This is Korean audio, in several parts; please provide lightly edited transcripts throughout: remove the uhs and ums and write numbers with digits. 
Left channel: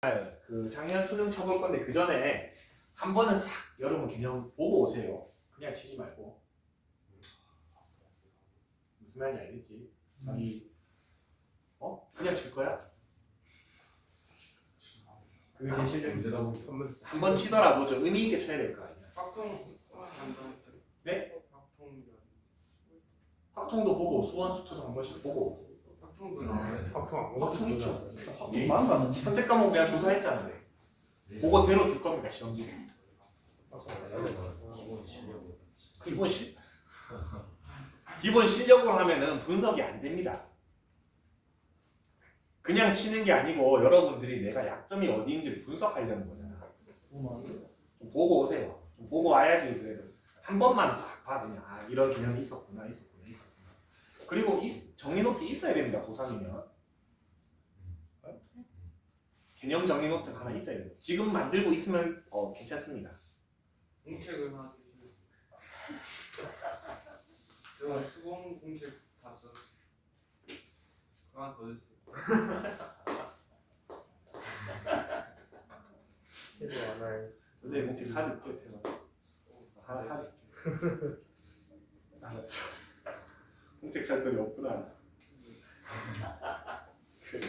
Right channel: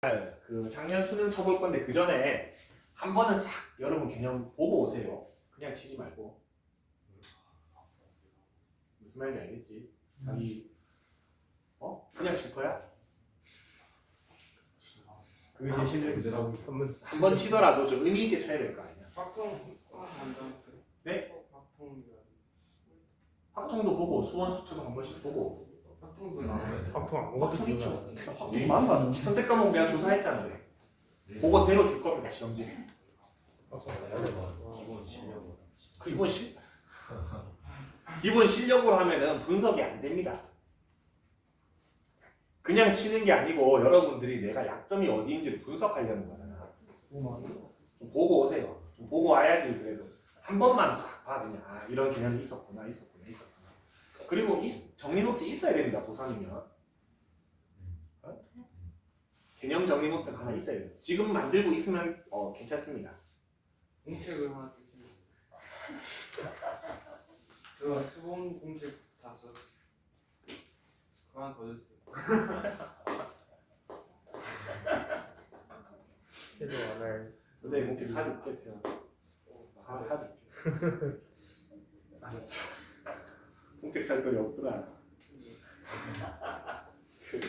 그 작년 수능 쳐볼 건데 그 전에 한 번은 싹 여러분 개념 보고 오세요. 그냥 치지 말고. 무슨 말인지 알겠지? 자기 그냥 칠 거야? 그게 제 실력이죠. 한 번 치더라도 좀 의미 있게 쳐야 될 거 아니야. 네? 확통도 보고 수원 수투도 한 번씩 보고. 확통 있죠. 확통만 봤는데. 선택 과목 내가 조사했잖아. 그거 대로 줄 겁니다 시험지. 기본 실력으로 하면은 분석이 안 됩니다. 그냥 치는 게 아니고 여러분들이 내가 약점이 어디인지를 분석하려는 거잖아. 좀 보고 오세요. 좀 보고 와야지. 그래도 한 번만 싹 봐. 그냥 이런 개념이 있었구나. 그리고 정리 노트 있어야 됩니다. 고3이면 개념 정리 노트 하나 있어야 돼요. 지금 만들고 있으면 괜찮습니다. 공책을 하나 주세요. 제가 수본 공책 다 썼어요. 하나 더 주세요. 선생님 공책 사줄게. 하나 사줄게. 알았어. 공책 살 돈이 없구나. 그래.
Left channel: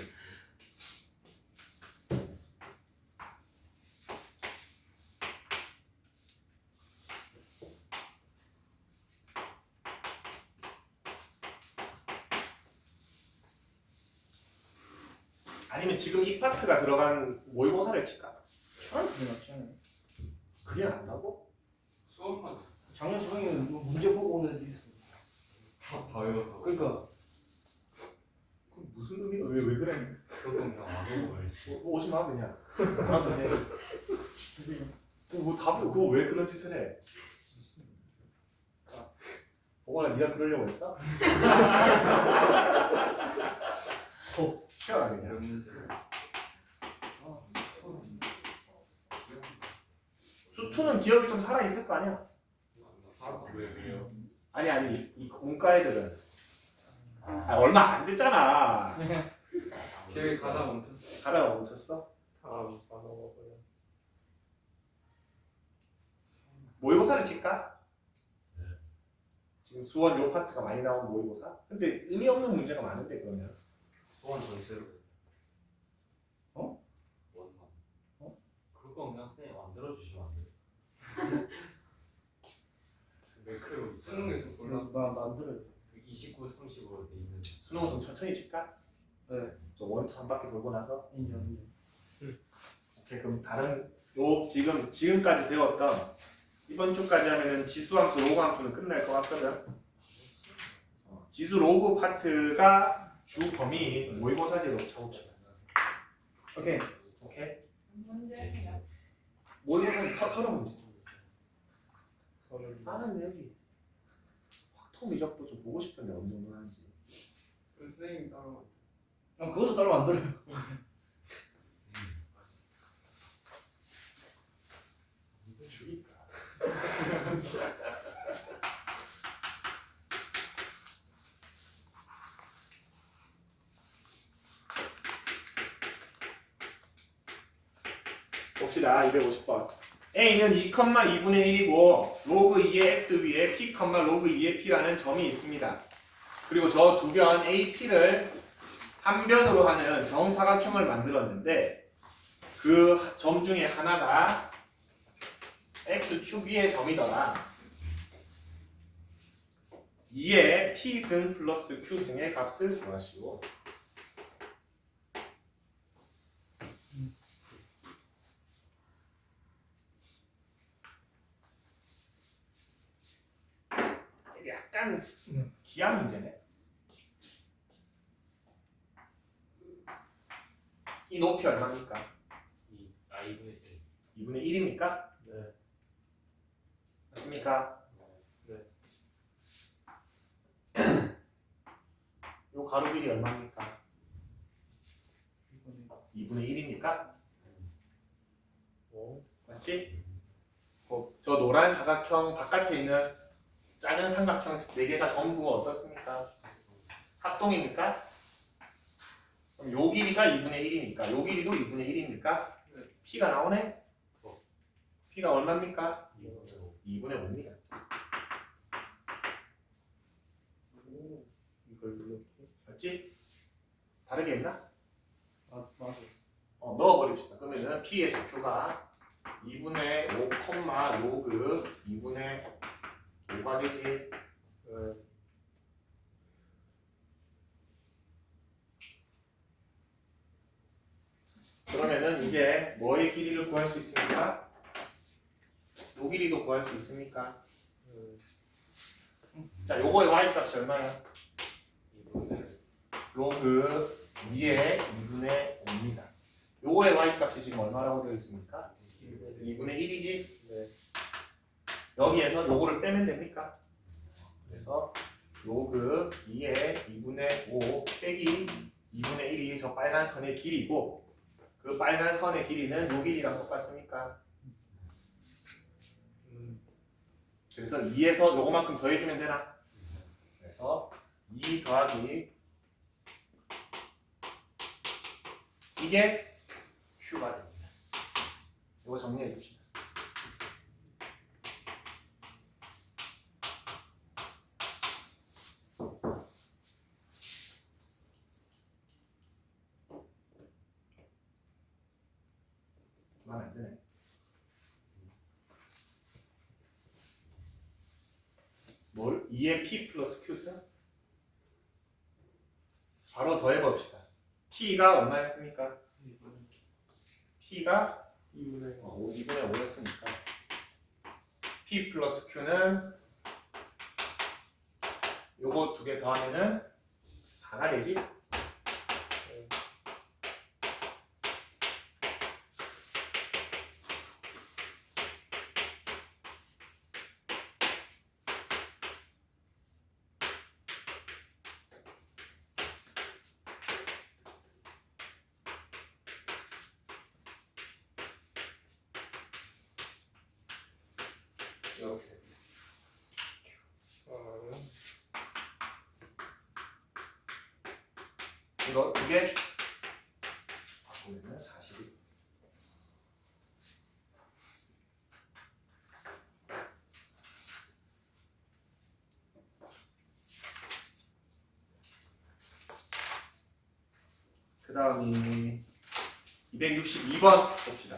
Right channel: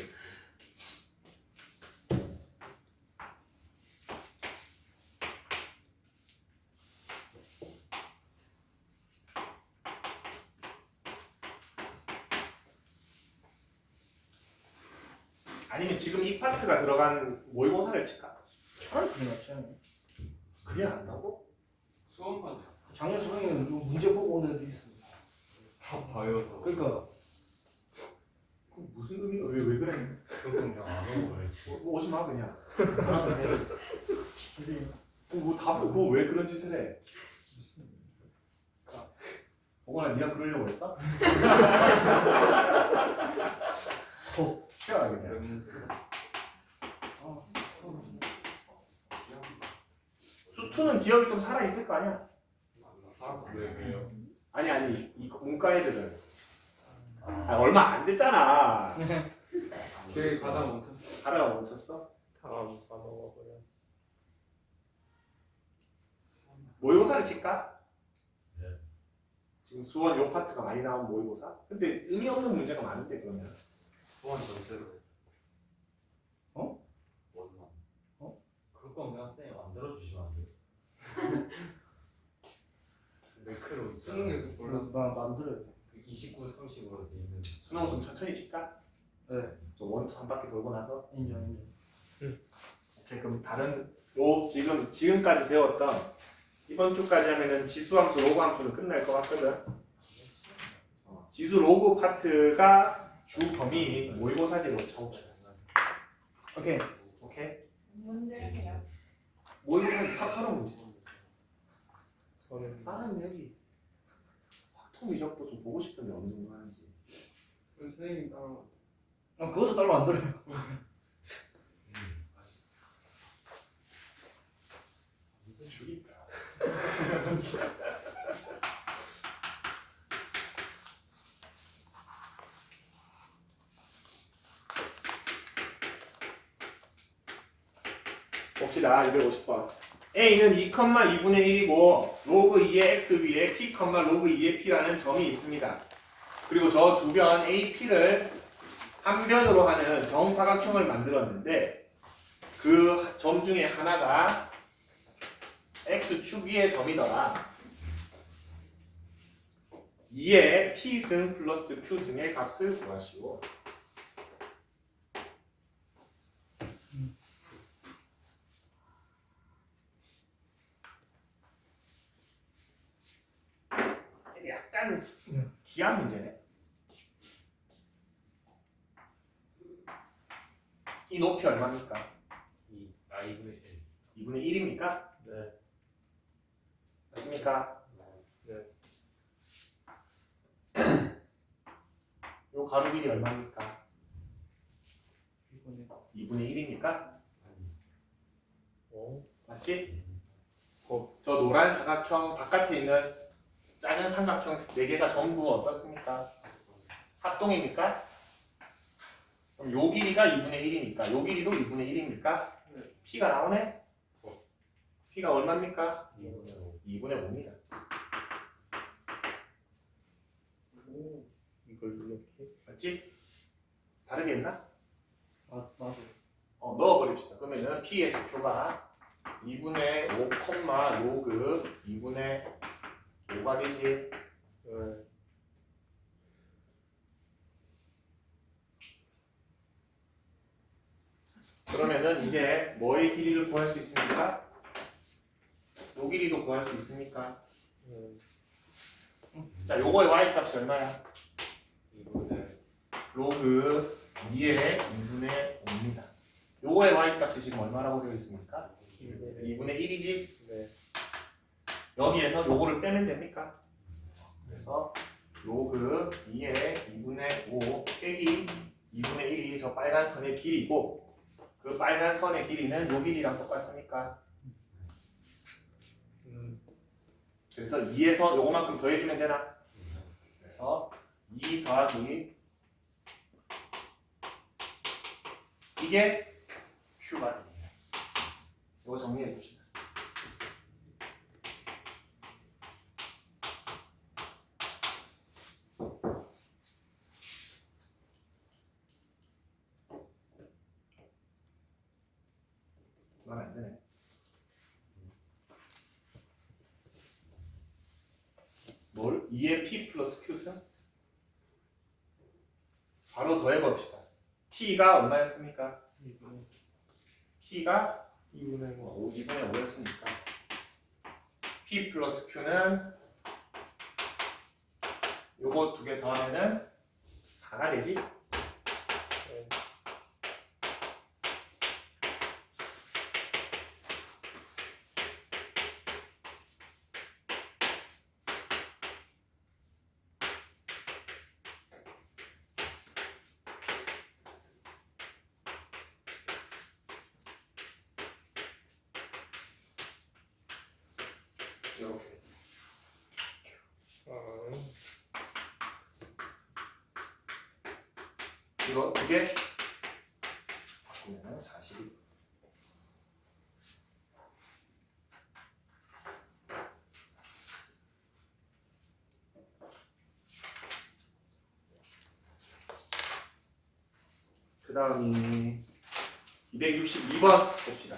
아니면 지금 이 파트가 들어간 모의고사를 칠까? 차라리 그게 낫지 않아요? 그게 낫다고? 수험판 작년 수능에는 문제 보고 오는 애들이 있어. 다 봐요. 그러니까 그럼 무슨 의미가 왜 그래? 그럼 그냥 안 오고 가야지. 오지 마 그냥. 나한테 해. 뭐 답을 그거 왜 그런 짓을 해? 보거나 네가 그러려고 했어? 쉬어라 그냥. 몇 문제? 수투는 기억이 좀 살아 있을 거 아니야? 왜요? 아니 이 문과 애들은 얼마 안 됐잖아. 길 가다 멈췄어. 가다가 멈췄어? 모의고사를 칠까? 네. 지금 수원 요 파트가 많이 나온 모의고사? 근데 의미 없는 문제가 많은데 그러면 소원 전체로. 어? 원만. 그럴 거면 그냥 쌤 만들어 주시면 안 돼요? 매크로 수능에서 골라서 나 만들어야 돼. 29, 30으로 돼 있는. 수능은 좀 천천히 칠까? 네. 저 원투 한 바퀴 돌고 나서 인정. 오케이 그럼 다른 지금까지 배웠던 이번 주까지 하면은 지수함수, 로그함수는 끝날 것 같거든. 지수 로그 파트가 주 범위인 모의고사제로 적읍시다. 오케이. 오케이? 문제 해요. 모의고사 서너 문제. 다른 앱이 확통 위적도 좀 보고 싶은데 어느 정도 하는지. 선생님이 따로 그것도 따로 만들어요. 죽이다. 봅시다. 250번. A는 2,2분의 1이고 로그 2의 x 위에 P, 로그 2의 P라는 점이 있습니다. 그리고 저 두 변 AP를 한 변으로 하는 정사각형을 만들었는데 그 점 중에 하나가 X축 위의 점이더라. 2의 P승 플러스 Q승의 값을 구하시오. 약간 기한 문제네. 이 높이 얼마입니까? 2분의 1. 2분의 1입니까? 네. 맞습니까? 네. 요 가로 길이 얼마입니까? 2분의 1입니까? 맞지? 저 노란 사각형 바깥에 있는 작은 삼각형 4개가 전부 어떻습니까? 합동입니까? 그럼 요 길이가 2분의 1이니까 요 길이도 2분의 1입니까? 네. P가 나오네? P가 얼마입니까? 2분의 5. 2분의 5입니다. 오. 이걸 이렇게. 맞지? 다르게 했나? 아 맞아. 넣어버립시다. 그러면은 P의 좌표가 2분의 5, 로그 2분의 5가 되지. 네. 그러면은 이제 뭐의 길이를 구할 수 있습니까? 요 길이도 구할 수 있습니까? 네. 자, 요거의 y 값이 얼마야? 2분의 로그 2의 2분의 5입니다. 요거의 y 값이 지금 얼마라고 되어 있습니까? 2분의 1이지? 네. 여기에서 요거를 빼면 됩니까? 그래서 로그 2의 2분의 5 빼기 2분의 1이 저 빨간 선의 길이고 그 빨간 선의 길이는 요 길이랑 똑같습니까? 그래서 2에서 요거만큼 더해주면 되나? 그래서 2 더하기 이게 Q가 됩니다. 이거 정리해 줍시다. 마음에 안 드네. 뭘? 2의 P 플러스 Q승? 바로 더해봅시다. P가 얼마였습니까? P가 2분의 5. 2분의 5였으니까 P 플러스 Q는 요거 두 개 더하면은 4가 되지? 이렇게. 이거 두 개 바꾸면은 40이. 그 다음이 262번 봅시다.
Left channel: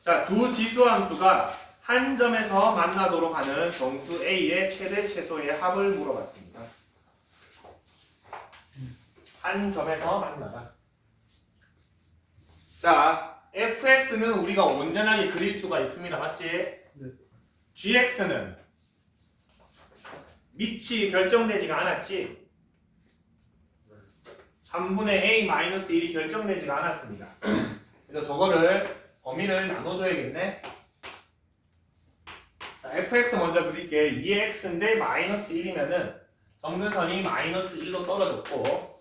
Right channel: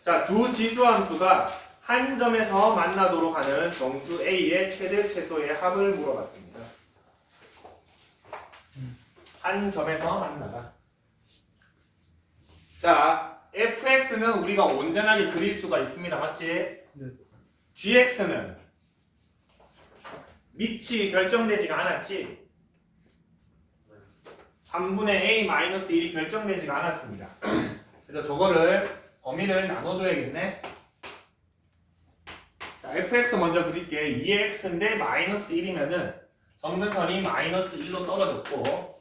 자, 두 지수함수가 한 점에서 만나도록 하는 정수 A의 최대 최소의 합을 물어봤습니다. 한 점에서 만나다. 자, fx는 우리가 온전하게 그릴 수가 있습니다. 맞지? 네. gx는 밑이 결정되지가 않았지? 3분의 a-1이 결정되지가 않았습니다. 그래서 저거를 범위를 나눠줘야겠네. 자, fx 먼저 그릴게. 2의 x인데 마이너스 1이면은 점근선이 마이너스 1로 떨어졌고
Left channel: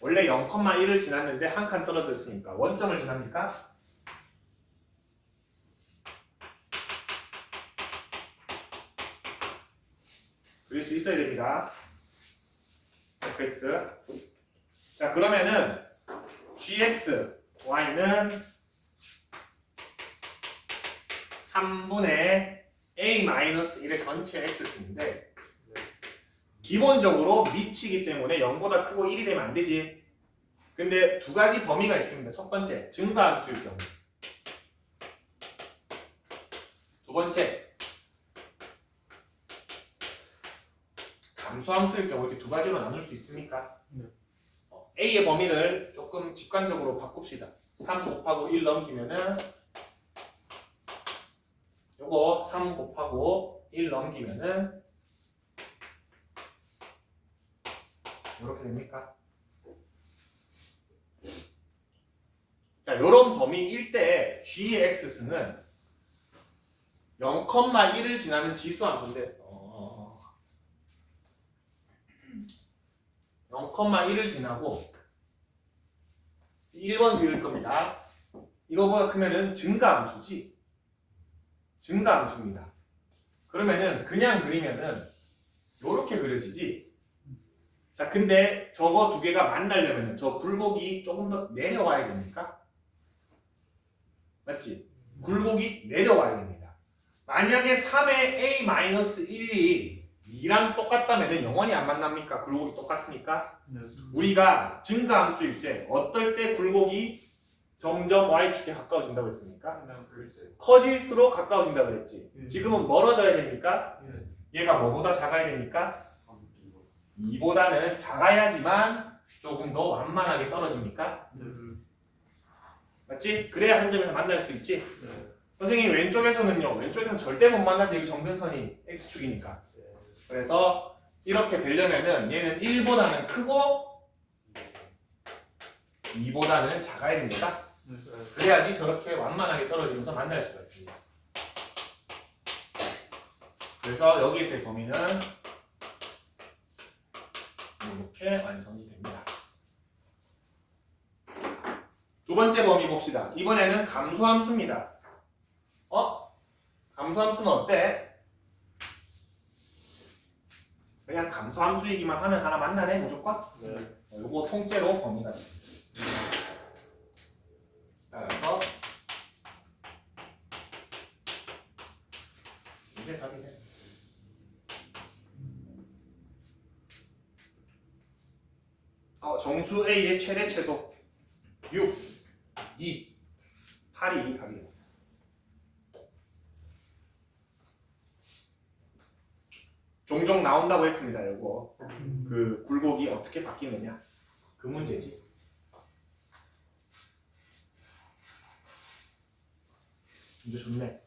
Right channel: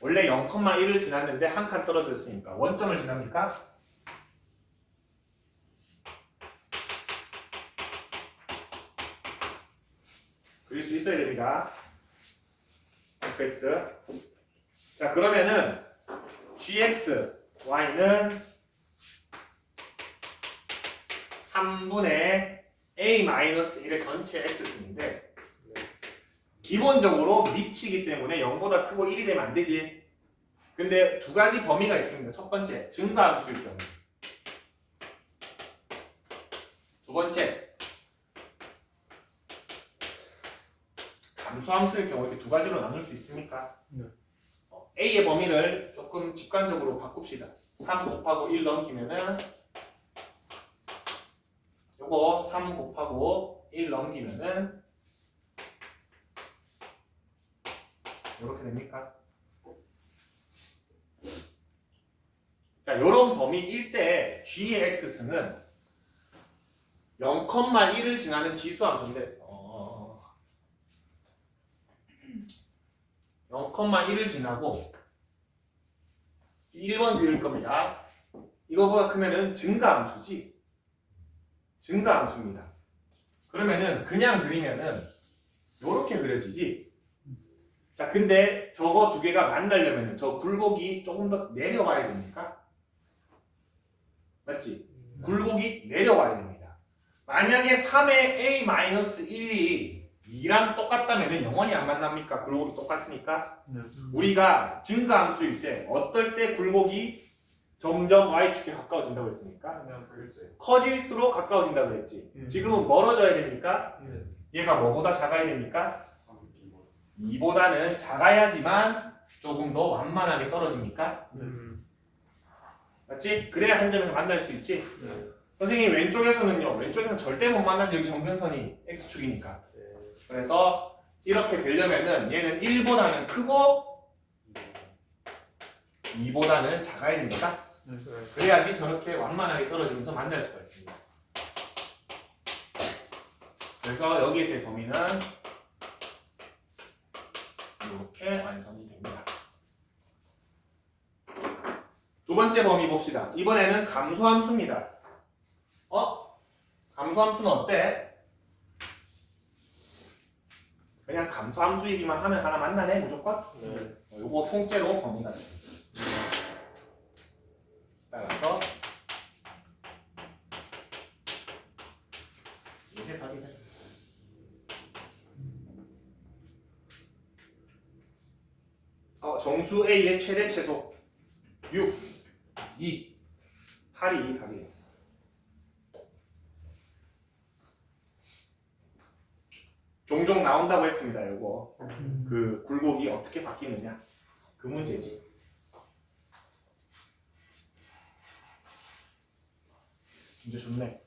원래 0,1을 지났는데 한 칸 떨어졌으니까 원점을 지납니까? 그릴 수 있어야 됩니다. fx. 자, 그러면은 gx, y는 3분의 a-1의 전체 x승인데 기본적으로 미치기 때문에 0보다 크고 1이 되면 안 되지. 근데 두 가지 범위가 있습니다. 첫 번째, 증가함수일 경우. 두 번째, 감소함수일 경우. 이렇게 두 가지로 나눌 수 있습니까? 네. A의 범위를 조금 직관적으로 바꿉시다. 3 곱하고 1 넘기면은 요거 3 곱하고 1 넘기면은 이렇게 됩니까? 자, 요런 범위일 때 g의 x승은 0,1을 지나는 지수함수인데 0,1을 지나고 1번 그릴 겁니다. 이거보다 크면은 증가함수지. 증가함수입니다. 그러면은 그냥 그리면은 요렇게 그려지지. 자, 근데 저거 두 개가 만나려면 저 굴곡이 조금 더 내려와야 됩니까? 맞지? 굴곡이 내려와야 됩니다. 만약에 3의 a-1이 2랑 똑같다면 영원히 안 만납니까? 굴곡이 똑같으니까. 네. 우리가 증가함수일 때 어떨 때 굴곡이 점점 y축에 가까워진다고 했습니까? 그냥 그랬어요. 커질수록 가까워진다고 그랬지. 지금은 멀어져야 됩니까? 네. 얘가 뭐보다 작아야 됩니까? 2보다는 작아야지만 조금 더 완만하게 떨어집니까? 맞지? 그래야 한 점에서 만날 수 있지. 네. 선생님 왼쪽에서는요. 왼쪽에서는 절대 못 만나지. 여기 정근선이 x축이니까. 그래서 이렇게 되려면은 얘는 1보다는 크고 2보다는 작아야 되는 거다. 그래야지 저렇게 완만하게 떨어지면서 만날 수가 있습니다. 그래서 여기서의 범위는 이렇게 완성이 됩니다. 두 번째 범위 봅시다. 이번에는 감소함수입니다. 감소함수는 어때? 그냥 감소함수이기만 하면 하나 만나네 무조건? 네. 요거 통째로 범위가 됩니다. 따라서 이게 답이 돼. 정수 A의 최대 최소 6, 2, 8이 답이에요. 종종 나온다고 했습니다. 요거 그 굴곡이 어떻게 바뀌느냐 그 문제지. 이제 좋네.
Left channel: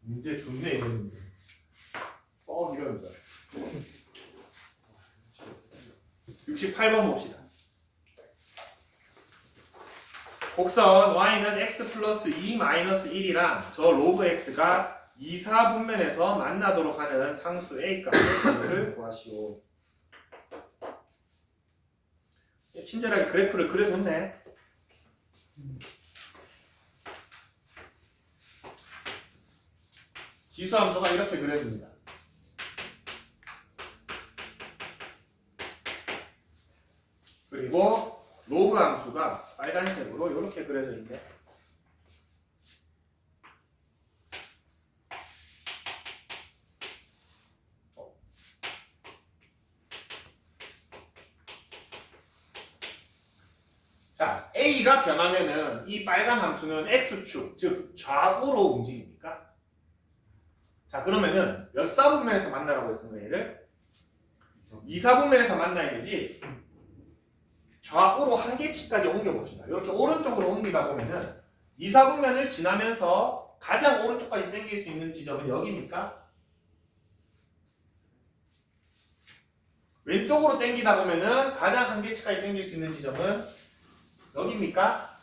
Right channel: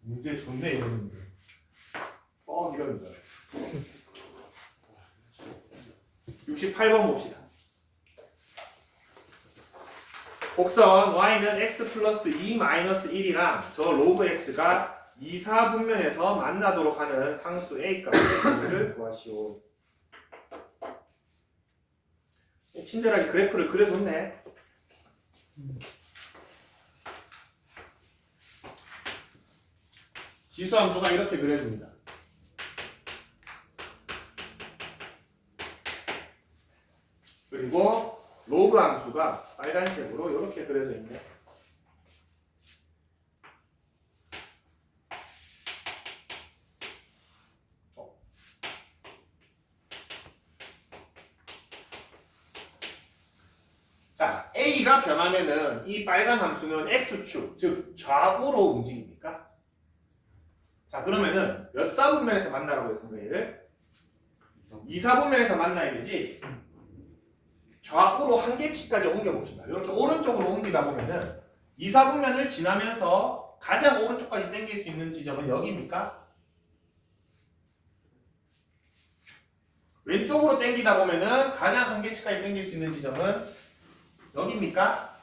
문제 좋네 이러는데 이러는 줄 알았어. 68번 봅시다. 곡선 y는 x 플러스 2 마이너스 1이랑 저 로그 x가 2, 4분면에서 만나도록 하는 상수 a 값을 구하시오. 친절하게 그래프를 그려줬네. 지수함수가 이렇게 그려집니다. 그리고 로그 함수가 빨간색으로 이렇게 그려져 있네. 자, A가 변하면은 이 빨간 함수는 X축, 즉 좌우로 움직입니까? 자, 그러면은 몇 사분면에서 만나라고 했습니까? 얘를 2, 4분면에서 만나야 되지. 좌우로 한 개치까지 옮겨봅시다. 이렇게 오른쪽으로 옮기다 보면은 2, 4분면을 지나면서 가장 오른쪽까지 당길 수 있는 지점은 여기입니까? 왼쪽으로 당기다 보면은 가장 한 개치까지 당길 수 있는 지점은 여기입니까?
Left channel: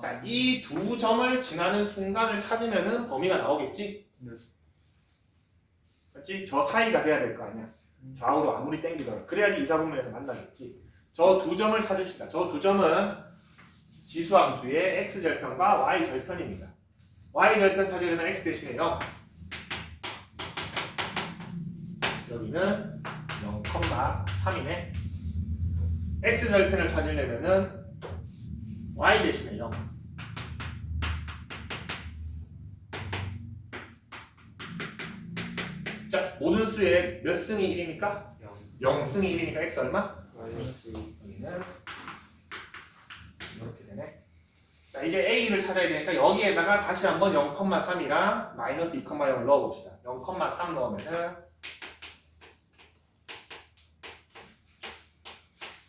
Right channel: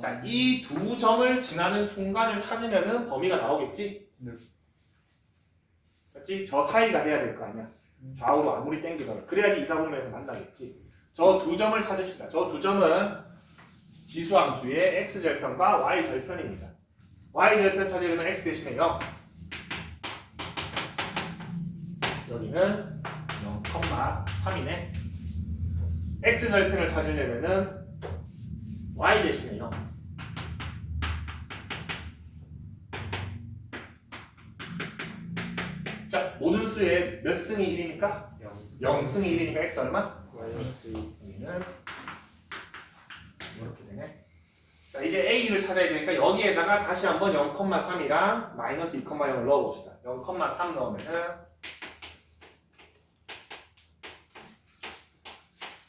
자, 이 두 점을 지나는 순간을 찾으면은 범위가 나오겠지? 네. 맞지? 저 사이가 돼야 될 거 아니야. 좌우로 아무리 당기더라도 그래야지 2, 4분면에서 만나겠지. 저 두 점을 찾읍시다. 저 두 점은 지수함수의 x절편과 y절편입니다. y절편 찾으려면 x 대신에 0, 여기는 0,3이네. x절편을 찾으려면은 y 대신에 0. 자, 모든 수의 몇 승이 1입니까? 0승이 1이니까 x 얼마? 마이너스 2. 여기는 이렇게 되네. 자, 이제 a를 찾아야 되니까 여기에다가 다시 한번 0,3이랑 마이너스 2,0을 넣어봅시다. 0,3 넣으면은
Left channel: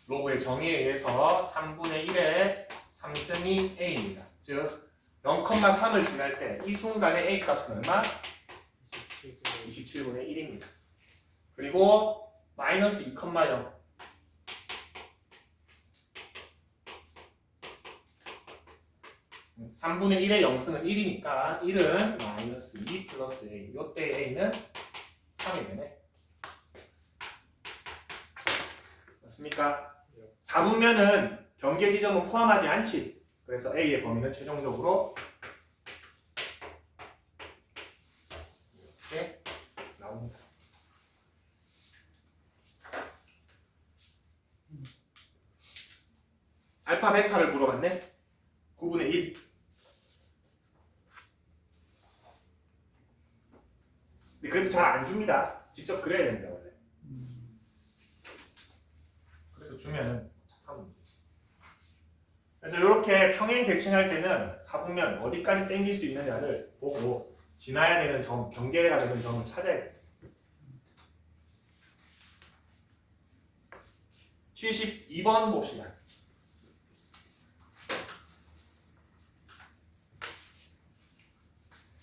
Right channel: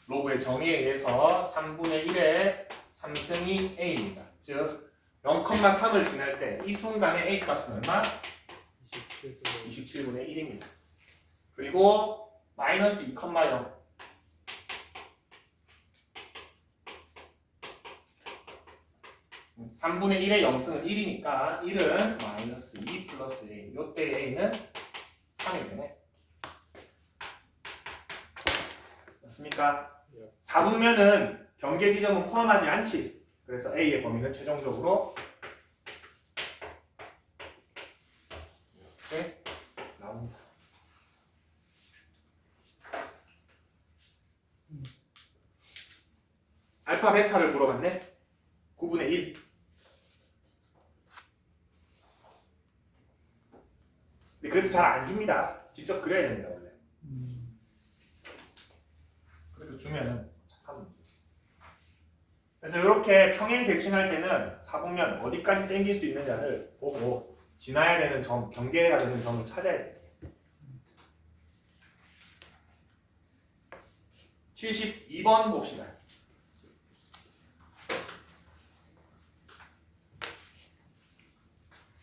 로그의 정의에 의해서 3분의 1의 3승이 a입니다. 즉 0,3을 지날 때 이 순간의 a 값은 얼마? 27분의 1입니다. 그리고 마이너스 2,0 3분의 1의 0승은 1이니까 1은 마이너스 2 플러스 a. 요때 a는 3이 되네. 맞습니까? 4분면은 경계 지점은 포함하지 않지. 그래서 a의 범위는 최종적으로 알파 베타를 물어봤네. 9분의 1. 근데 그래도 잘 안 줍니다. 직접 그려야 됩니다 원래. 그래도 주면은 착한 문제지. 그래서 이렇게 평행 대칭할 때는 사분면 어디까지 당길 수 있느냐를 보고 지나야 되는 점, 경계가 되는 점을 찾아야 돼요. 72번 봅시다.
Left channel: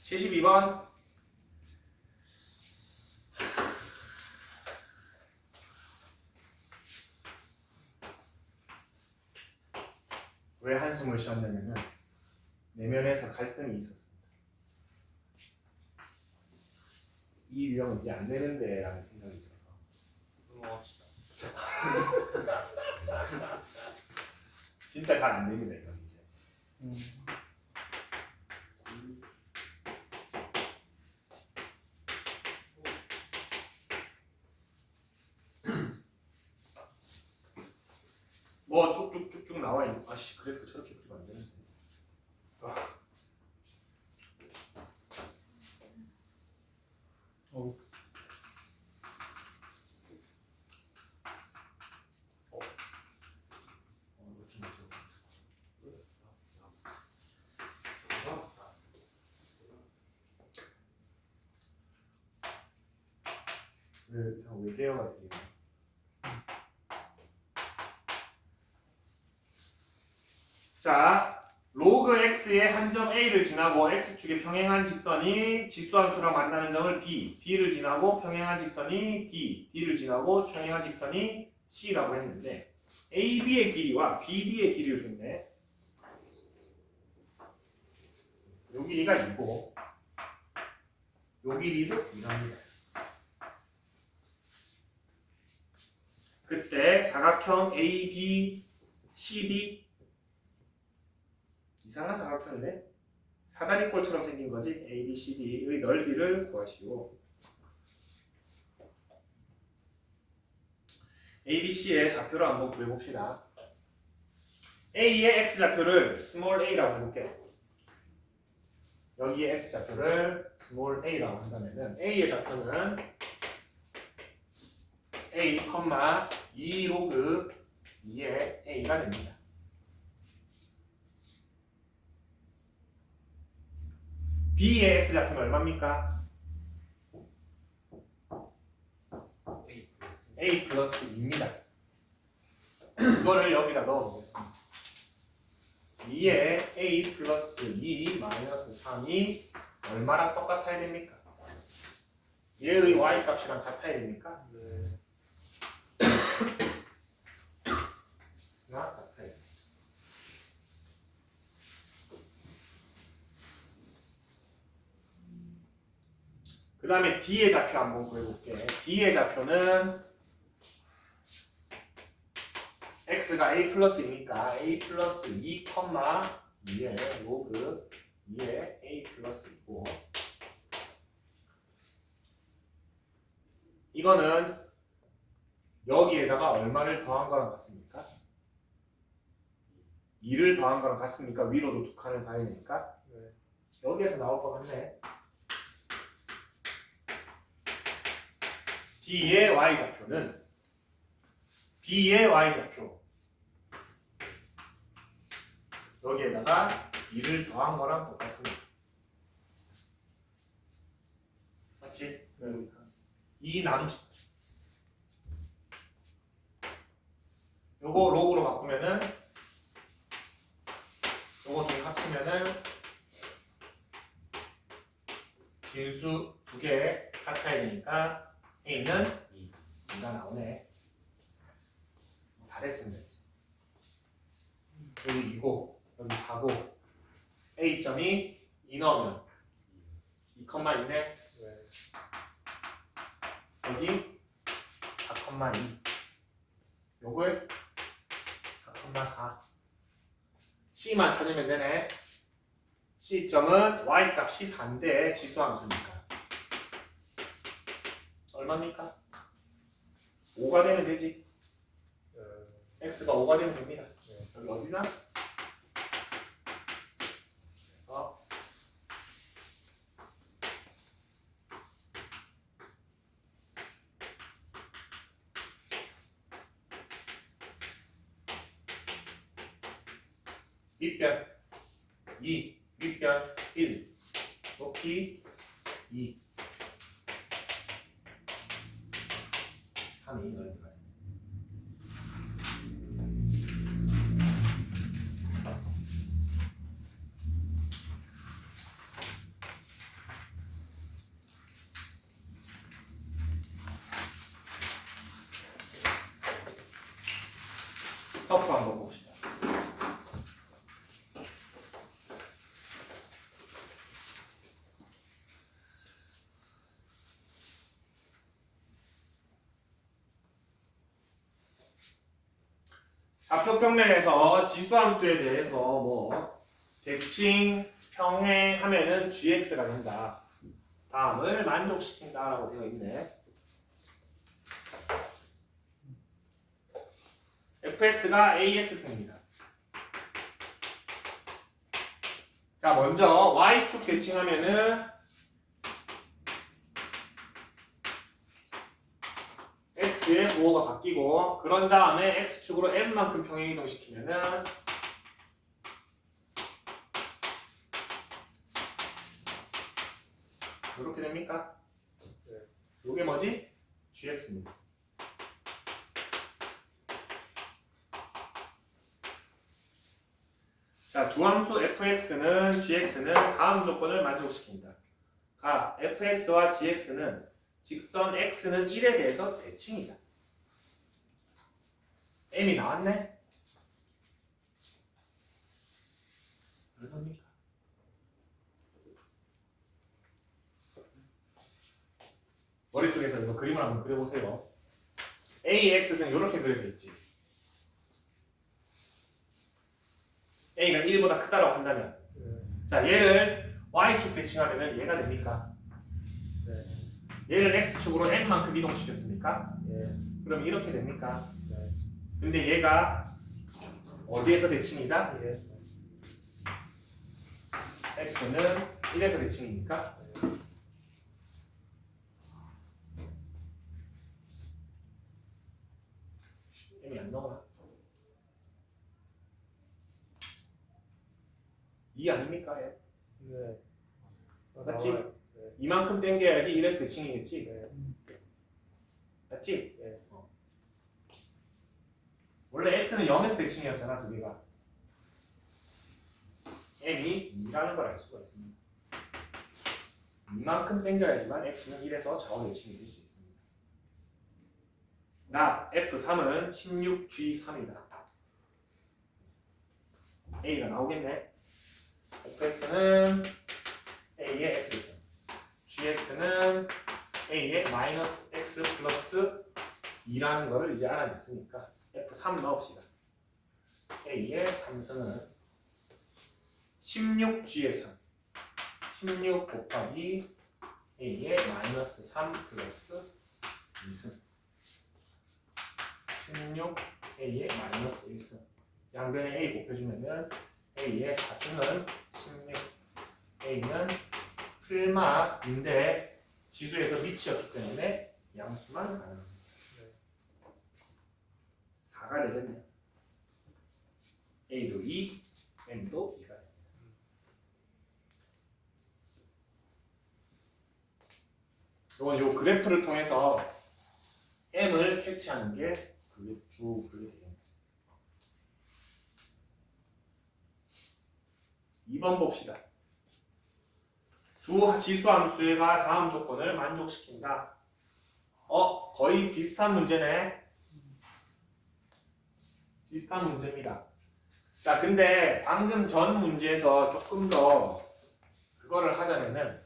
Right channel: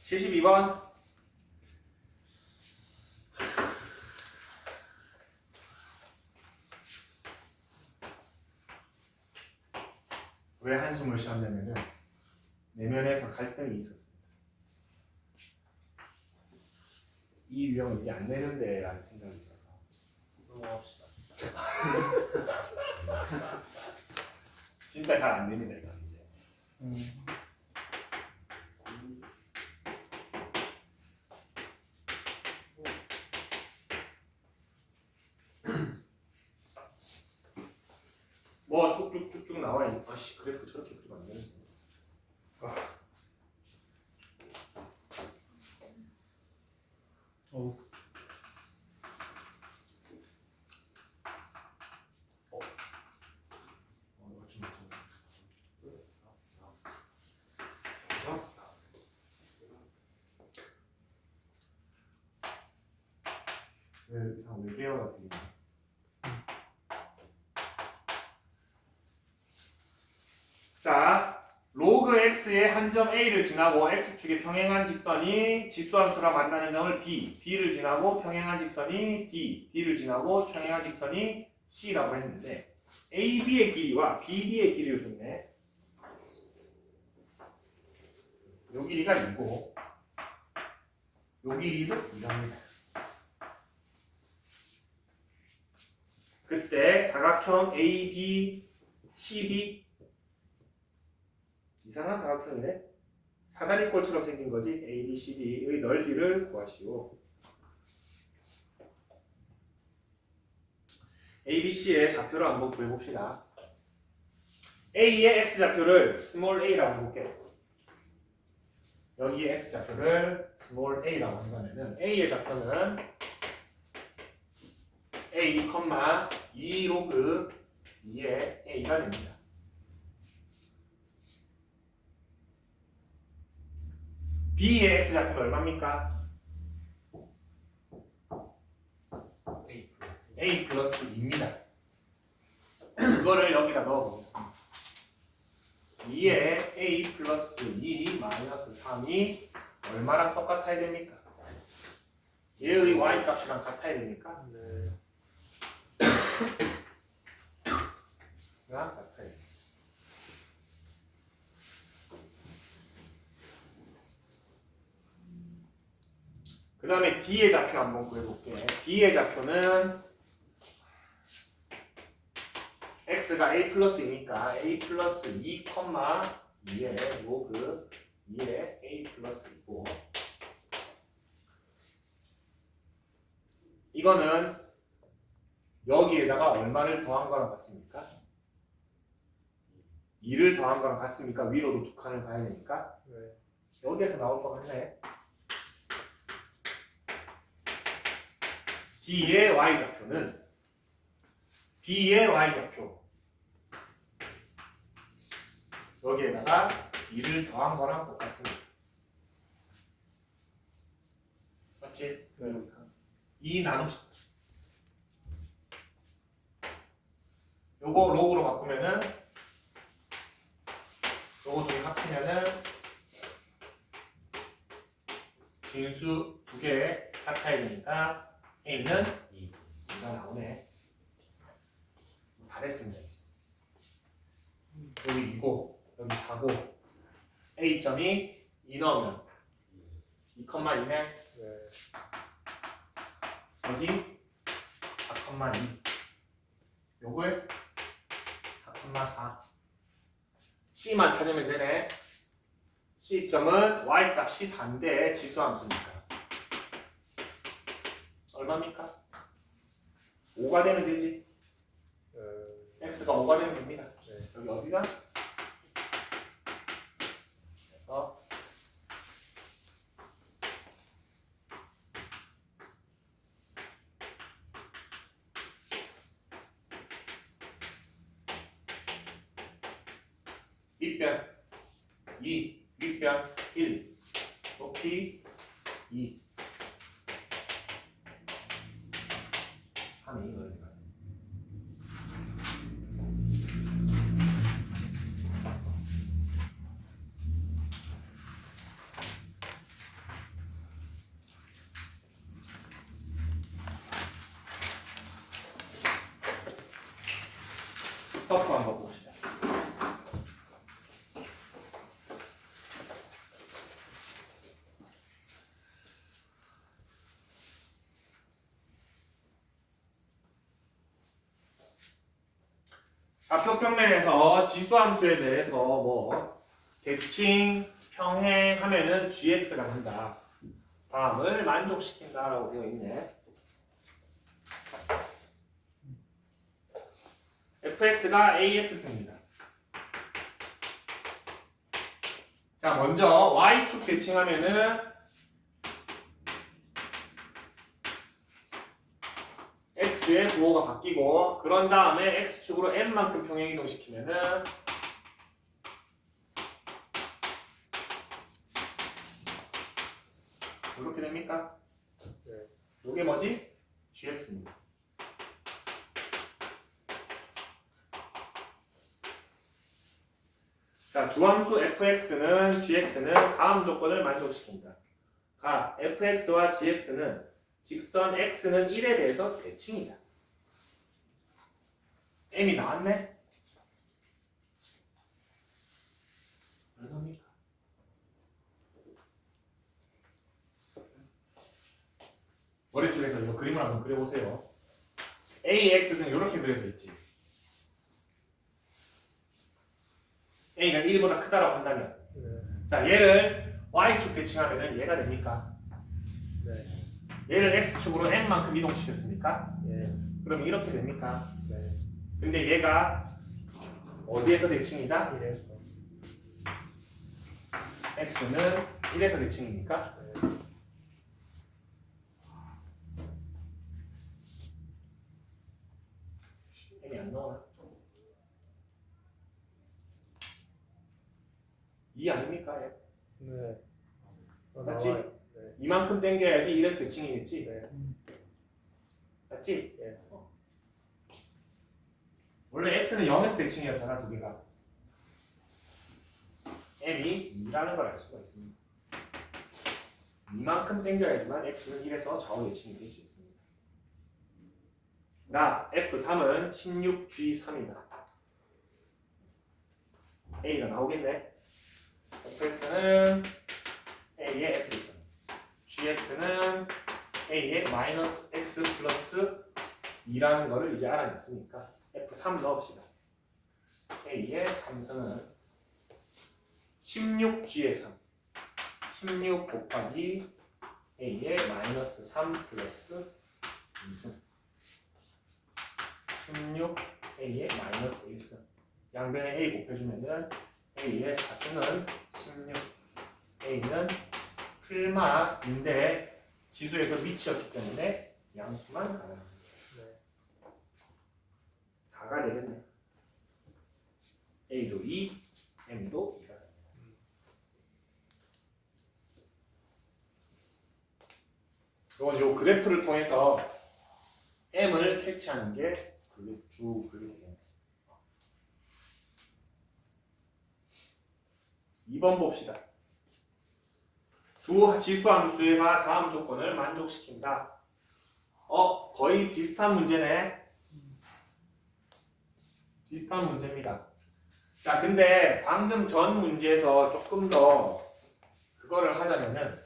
72번. 왜 한숨을 쉬었냐면은 내면에서 갈등이 있었습니다. 이 유형은 이제 안 되는데 라는 생각이 있어서. 넘어갑시다. 진짜 잘 안 됩니다 이건 이제. 뭐 쭉쭉쭉쭉 나와 있는. 아씨 그래프 저렇게 그리면 안 되는데. 어우. 이거 좀 좀. 왜 이상 외계어가 들리나? 자, 로그 x의 한 점 a를 지나고 x축에 평행한 직선이 지수함수랑 만나는 점을 b, b를 지나고 평행한 직선이 d, d를 지나고 평행한 직선이 c라고 했는데 ab의 길이와 bd의 길이를 줬네. 요 길이가 2고 요 길이도 이랍니다. 그때 사각형 AB, CD 이상한 사각형이네. 사다리꼴처럼 생긴 거지. ABCD의 넓이를 구하시오. ABC의 좌표를 한번 구해봅시다. A의 x좌표를 스몰 a라고 해볼게요. 여기에 x좌표를 스몰 a라고 한다면은 A의 좌표는 A, 2 로그 2의 a가 됩니다. B의 x좌표는 얼마입니까? A 플러스 2입니다. 그거를 여기다 넣어보겠습니다. 2에 A 플러스 2 마이너스 3이 얼마랑 똑같아야 됩니까? 얘의 y 값이랑 같아야 됩니까? 네. 같아요. 그 다음에 D의 좌표 한번 구해볼게. D의 좌표는 x가 a 플러스 2니까 a 플러스 2, 2의 로그 2의 a 플러스 2고 이거는 여기에다가 얼마를 더한 거랑 같습니까? 2를 더한 거랑 같습니까? 위로도 두 칸을 가야 되니까 네. 여기에서 나올 것 같네. D의 y좌표는 B의 y좌표 여기에다가 2를 더한 거랑 똑같습니다. 맞지? 네. 2 나눕시다. 요거 로그로 바꾸면은 요거 둘 합치면은 진수 두 개 같아야 되니까 A는 2가 나오네. 다 됐습니다. 이제. 여기 2고 여기 4고 A점이 2 넣으면 2,2네. 네. 여기 4,2 요걸 4,4 C만 찾으면 되네. C점은 Y값이 4인데 지수함수니까 얼마입니까? 5가 되면 되지. X가 5가 되면 됩니다. 네. 여기 어디다? 그래서 밑변 2, 밑변 1, 높이 2, 3이 넓이가 터프 한번 봅시다. 좌표평면에서 지수함수에 대해서 뭐 대칭, 평행 하면은 gx가 된다. 다음을 만족시킨다라고 되어 있네. fx가 ax승입니다. 자, 먼저 y축 대칭하면은 x의 부호가 바뀌고, 그런 다음에 x축으로 n만큼 평행 이동시키면은 이렇게 됩니까? 네. 이게 뭐지? gx입니다. 자, 두 함수 fx는 gx는 다음 조건을 만족시킨다. 가 fx와 gx는 직선 x는 1에 대해서 대칭이다. m이 나왔네? 왜 나옵니까? 머릿속에서 이거 그림을 한번 그려보세요. ax는 이렇게 그려져 있지. a가 1보다 크다라고 한다면, 네. 자, 얘를 y축 대칭하면 얘가 됩니까? 네. 얘를 x축으로 n만큼 이동시켰으니까? 예. 그럼 이렇게 됩니까? 네. 근데 얘가 어디에서 대칭이다? 이래서. x는 1에서 대칭입니까? 네. m이 안 나오나? 2 아닙니까? 얘? 네. 맞지? 나와요. 네. 이만큼 당겨야지 1에서 대칭이겠지? 네. 맞지? 네. 원래 x는 0에서 대칭이었잖아, 두 개가. m이 2라는 걸 알 수가 있습니다. 이만큼 당겨야지만 x는 1에서 좌우 대칭이 될 수 있습니다. 나 F3은 16G3이다. A가 나오겠네. fx는 A의 x승, gx는 A의 마이너스 x 플러스 2라는 것을 이제 알아냈으니까 F3 넣읍시다. A의 3승은 16G의 3, 16 곱하기 A의 마이너스 3 플러스 2승, 16 A의 마이너스 1승. 양변에 A 곱해주면은 A의 4승은 16. A는 풀마인데 지수에서 미치였기 때문에 양수만 가능합니다. 네. 4가 되겠네. A도 2, M도 2가 됩니다. 이건 요 그래프를 통해서 M을 캐치하는 게 그게 되겠네. 2번 봅시다. 두 지수함수가 다음 조건을 만족시킨다. 거의 비슷한 문제네. 비슷한 문제입니다. 자, 근데 방금 전 문제에서 조금 더 그거를 하자면은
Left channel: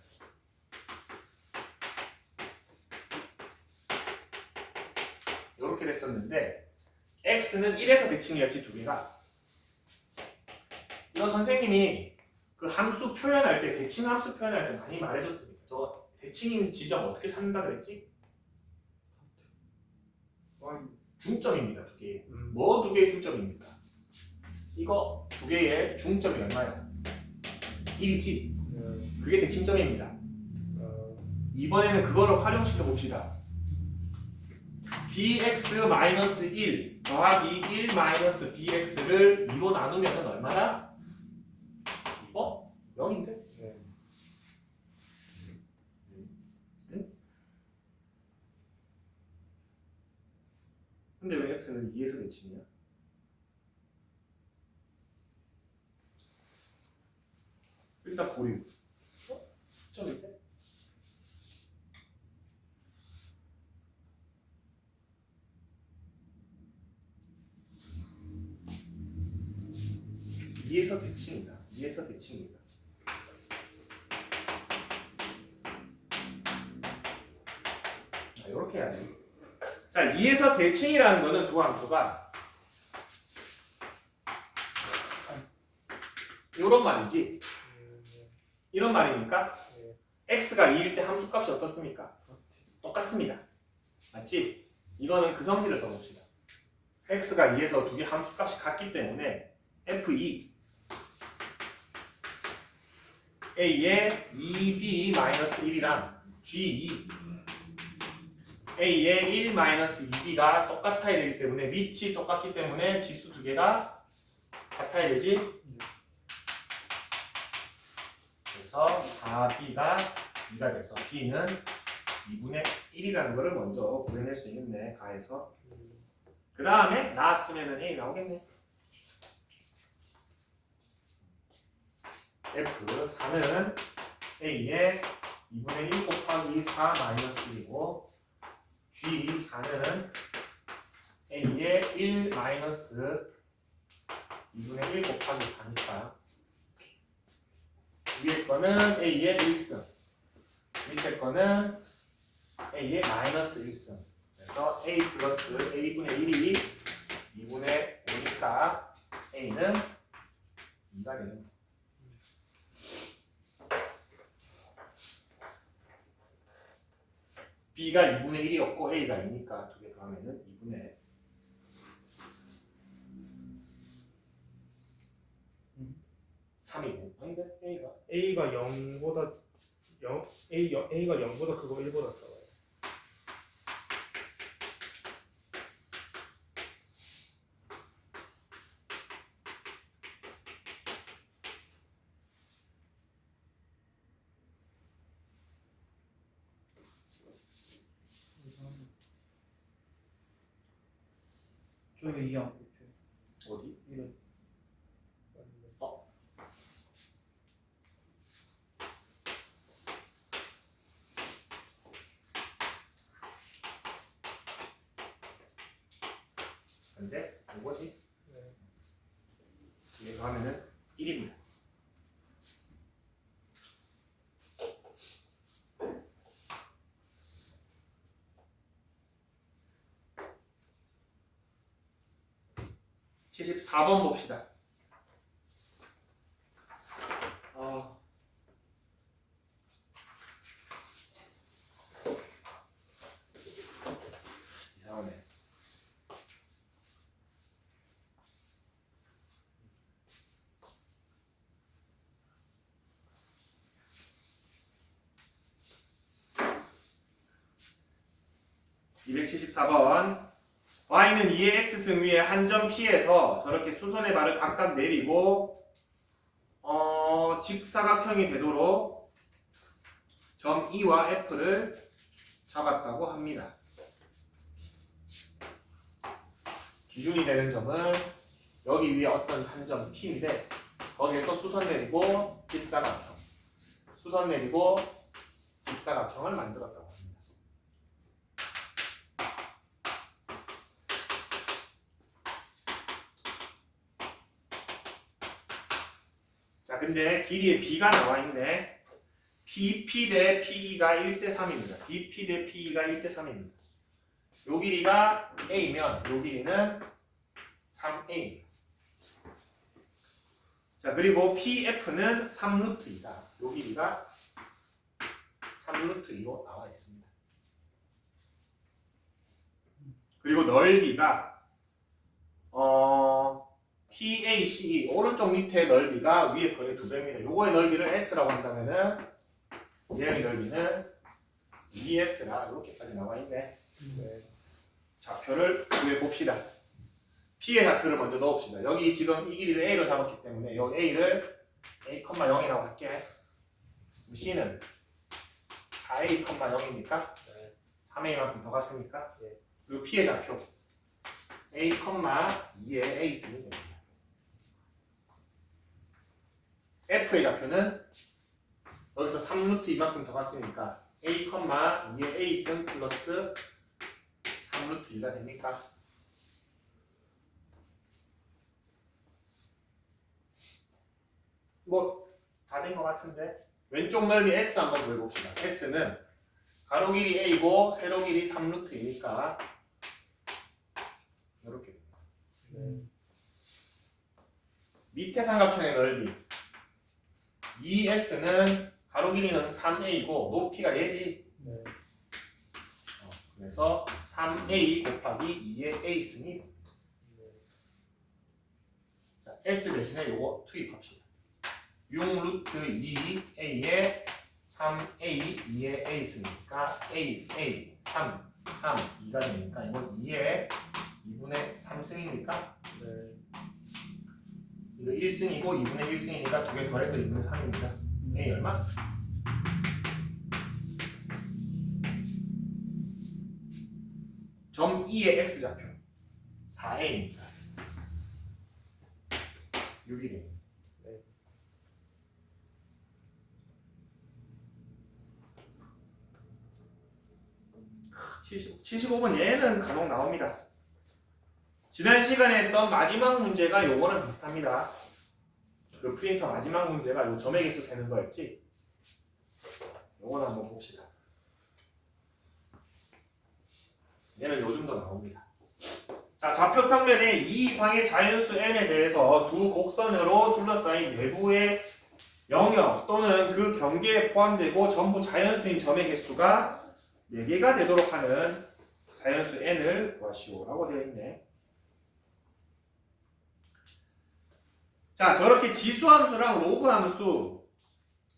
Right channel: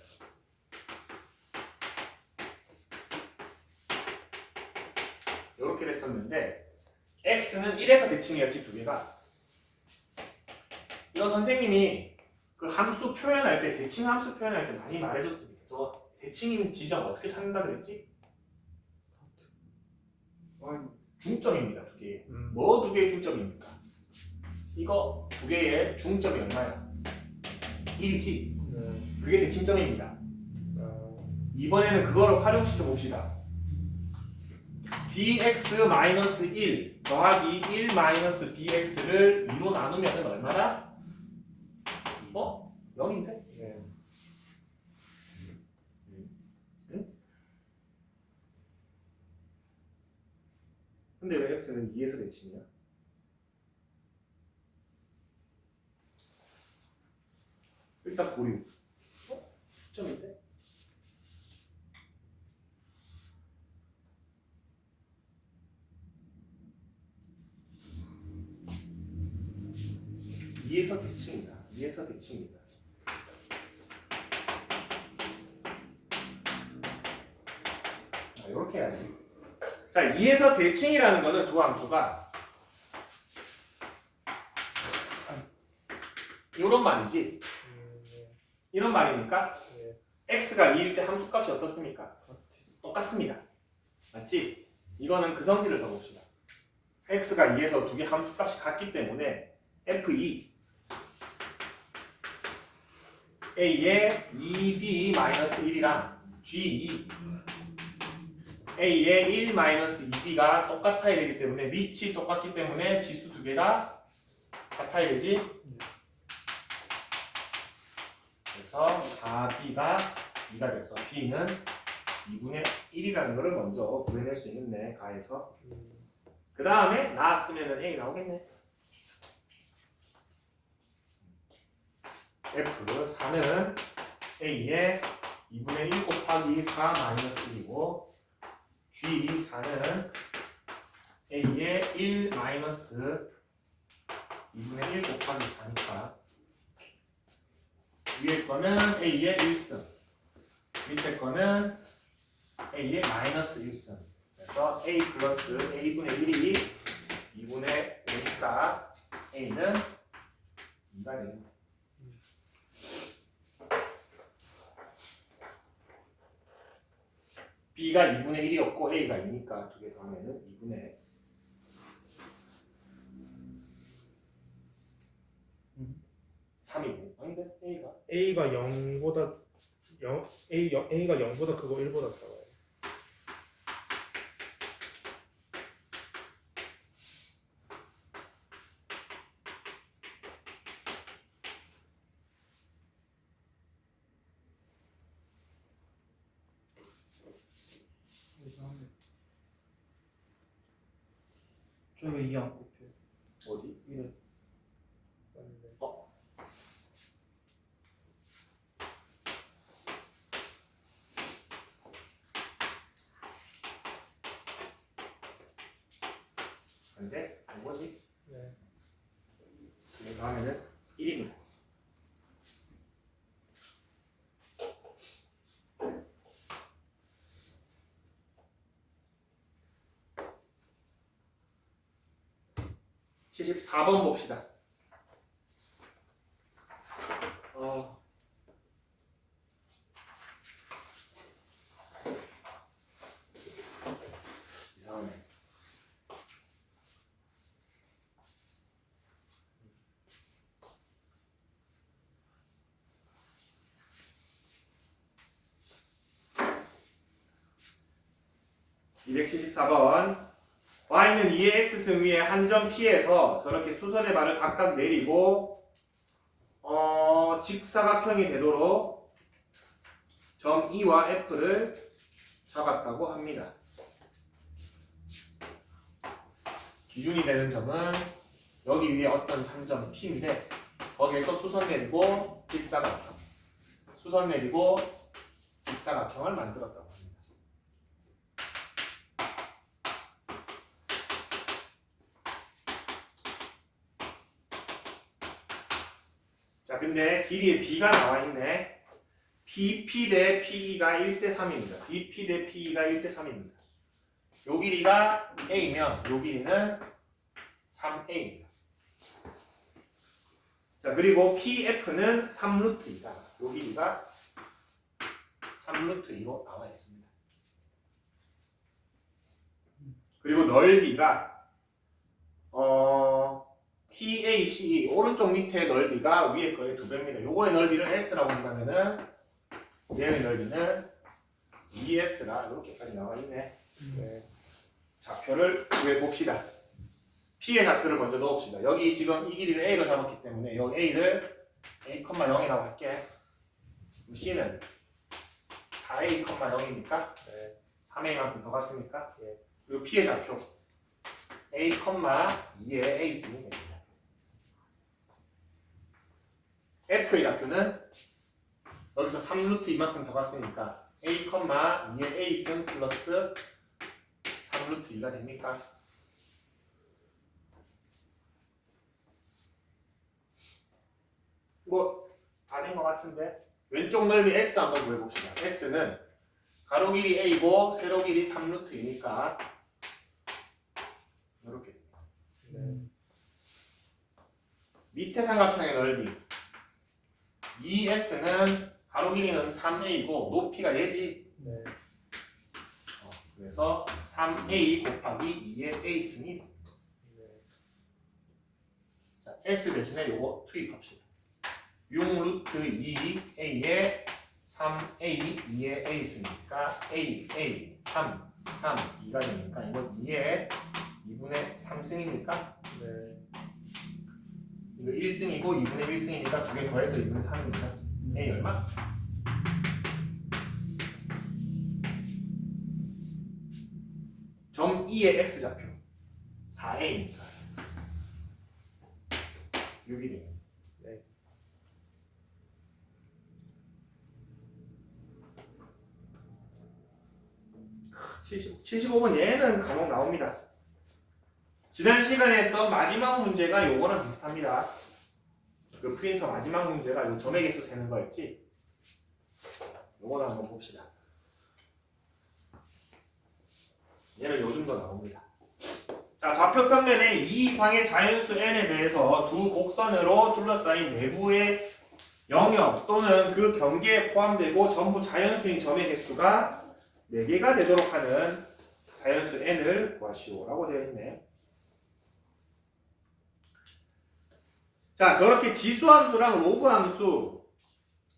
이렇게 됐었는데 x는 1에서 대칭이었지, 두 개가. 이거 선생님이 그 함수 표현할 때, 대칭 함수 표현할 때 많이 말해줬습니다. 저 대칭인 지점 어떻게 찾는다 그랬지? 중점입니다, 두 개. 뭐 두 개의 중점입니까? 이거 두 개의 중점이 얼마야? 1이지. 네. 그게 대칭점입니다. 이번에는 그거를 활용시켜 봅시다. bx-1 더하기 1 bx를 2로 나누면 얼마나? 이거 0인데? 네. 근데 왜 x는 2에서 대칭이야? 일단 보류. 점인데? 이에서 대칭이다. 2에서 대칭이다. 자, 이렇게 해야 돼. 자, 2에서 대칭이라는 거는 두 함수가 이런 말이지. 이런 말이니까 x가 2일 때 함수값이 어떻습니까? 똑같습니다. 맞지? 이거는 그 성질을 써봅시다. x가 2에서 두 개 함수값이 같기 때문에 f2 a의 2b-1이랑 g2 a의 1-2b가 똑같아야 되기 때문에 위치 똑같기 때문에 지수 두 개가 같아야 되지. 그래서 4b가 2가 돼서 b는 2분의 1이라는 것을 먼저 구해낼 수 있는데 가해서 그 다음에 나왔으면 a 나오겠네. F4는 a의 2분의 1 곱하기 4 마이너스 1이고 G4는 a의 1 마이너스 2분의 1 곱하기 4니까 위에 거는 a의 1승 밑에 거는 a의 마이너스 1승 그래서 a 플러스 a분의 1이 2분의 5니까 a는 2가 되는 거예요. b가 2분의 1이었고 a가 2니까 두 개 더하면 2분의 3이고 아닌데 A가 0보다 A가 0보다 크고 1보다 작아요. 저왜 이해 안 꼽혀? 어디? 이래. 근데 이거지. 네. 두 개 더하면 1입니다. (74번) 봅시다. 이상하네. (274번) y는 2의 x승 위에 한 점 P에서 저렇게 수선의 발을 각각 내리고 직사각형이 되도록 점 E와 F를 잡았다고 합니다. 기준이 되는 점은 여기 위에 어떤 한 점 P인데 거기에서 수선 내리고 직사각형, 수선 내리고 직사각형을 만들었다고 합니다. 자, 근데 길이에 B가 나와 있네. BP 대 PE가 1대 3입니다. BP 대 PE가 1대 3입니다. 요 길이가 A면 요 길이는 3A입니다. 자, 그리고 PF는 3루트 2다. 요 길이가 3루트 2로 나와 있습니다. 그리고 넓이가 PACE 오른쪽 밑에 넓이가 위에 거의 2배입니다. 요거의 넓이를 S라고 한다면은 얘의 넓이는 ES라 이렇게까지 나와 있네. 네. 좌표를 구해 봅시다. P의 좌표를 먼저 넣읍시다. 여기 지금 이 길이를 A로 잡았기 때문에 여기 A를 A,0이라고 할게. C는 4A,0이니까 네. 3A만큼 더 갔습니까? 예. 그리고 P의 좌표 A,2에 A 있으면 됩니다. F의 좌표는 여기서 3루트 이만큼 더 갔으니까 A,2에 A 있음 플러스 3루트 2가 됩니까? 뭐 다 된 것 같은데 왼쪽 넓이 S 한번 구해봅시다. S는 가로 길이 A고 세로 길이 3루트이니까 이렇게 됩니다. 네. 밑에 삼각형의 넓이 ES는 가로 길이는 3A고 높이가 얘지. 네. 그래서 3A 곱하기 2의 A 승이 네. 자, S 대신에 요거 투입합시다. 6루트 2A에 3A 2의 A 승이니까 A 3 2가 되니까 이건 2의 2분의 3승이니까 네. 이거 1승이고 2분의 1승이니까 두 개 더해서 2분의 3입니다. A 얼마? 점 2의 X좌표 4A니까 6이네요. 네. 크, 75번 얘는 감옥 나옵니다. 지난 시간에 했던 마지막 문제가 요거랑 비슷합니다. 그 프린터 마지막 문제가 요 점의 개수 세는 거였지. 요거는 한번 봅시다. 얘는 요즘도 나옵니다. 자, 좌표 평면에 이 이상의 자연수 n에 대해서 두 곡선으로 둘러싸인 내부의 영역 또는 그 경계에 포함되고 전부 자연수인 점의 개수가 4개가 되도록 하는 자연수 n을 구하시오라고 되어 있네. 자, 저렇게 지수함수랑 로그함수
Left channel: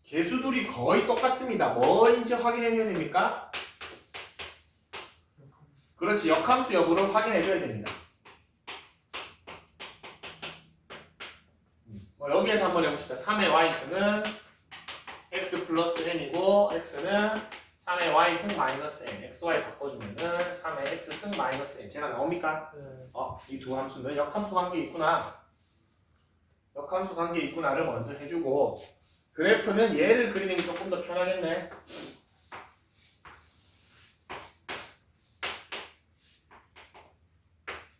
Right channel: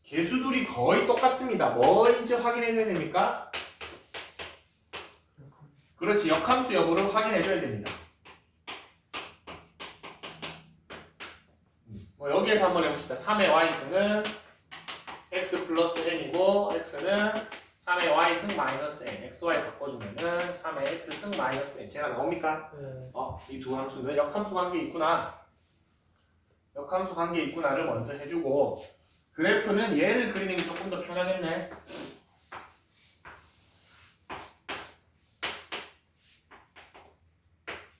개수들이 거의 똑같습니다. 뭐인지 확인해줘야 됩니까? 그렇지, 역함수 여부를 확인해줘야 됩니다. 여기에서 한번 해봅시다. 3의 y승은 x 플러스 n이고 x는 3의 y승 마이너스 n, xy 바꿔주면은 3의 x승 마이너스 n 제가 나옵니까? 네. 이 두 함수는 역함수 관계 있구나. 역함수 관계 있구나를 먼저 해주고 그래프는 얘를 그리는 게 조금 더 편하겠네.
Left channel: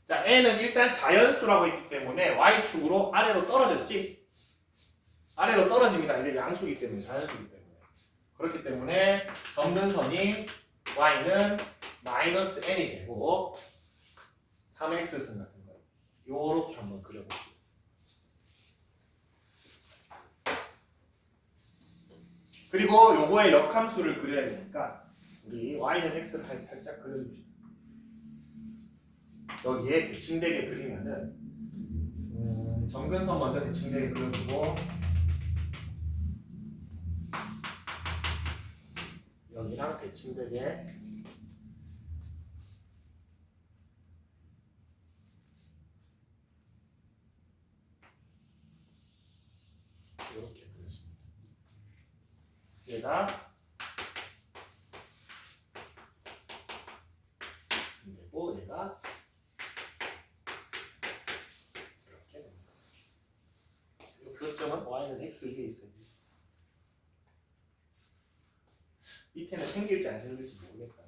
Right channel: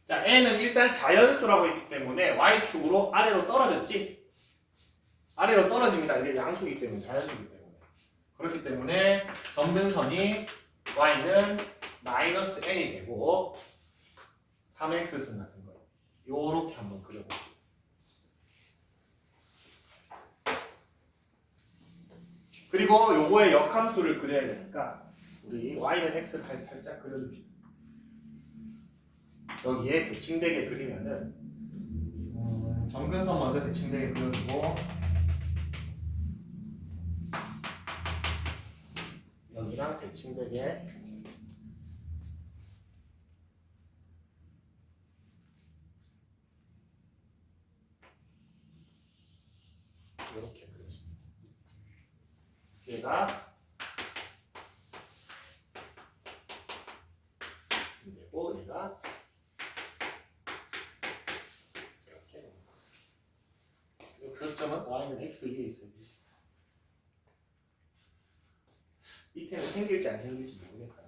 자, n은 일단 자연수라고 했기 때문에 y축으로 아래로 떨어졌지? 아래로 떨어집니다. 이게 양수이기 때문에, 자연수이기 때문에. 그렇기 때문에 점근선이 y는 마이너스 n이 되고 3x승 같은 거예요. 요렇게 한번 그려볼게요. 그리고 요거의 역함수를 그려야 되니까 우리 y는 x를 살짝 그려줍시다. 여기에 대칭되게 그리면은 점근선 먼저 대칭되게 그려주고 여기랑 대칭되게 이렇게 그려줍니다. 얘가 되고 얘가 이렇게 됩니다. 이 교점은 y는 x 위에 있어요. 밑에는 생길지 안 생길지 모르겠다.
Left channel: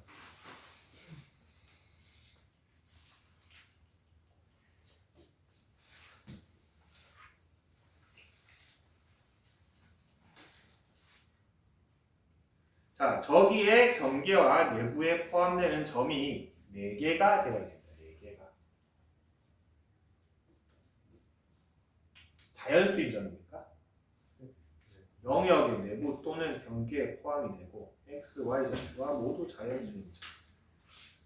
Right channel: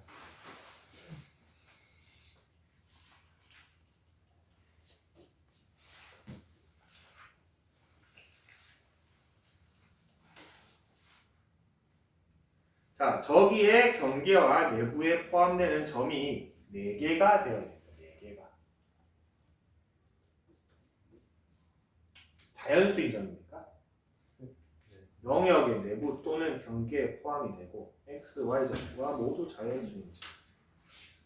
자, 저기에 경계와 내부에 포함되는 점이 4개가 되어야 됩니다. 4개가. 자연수인 점입니까? 영역의 내부 또는 경계에 포함이 되고 x, y 점과 모두 자연수인 점.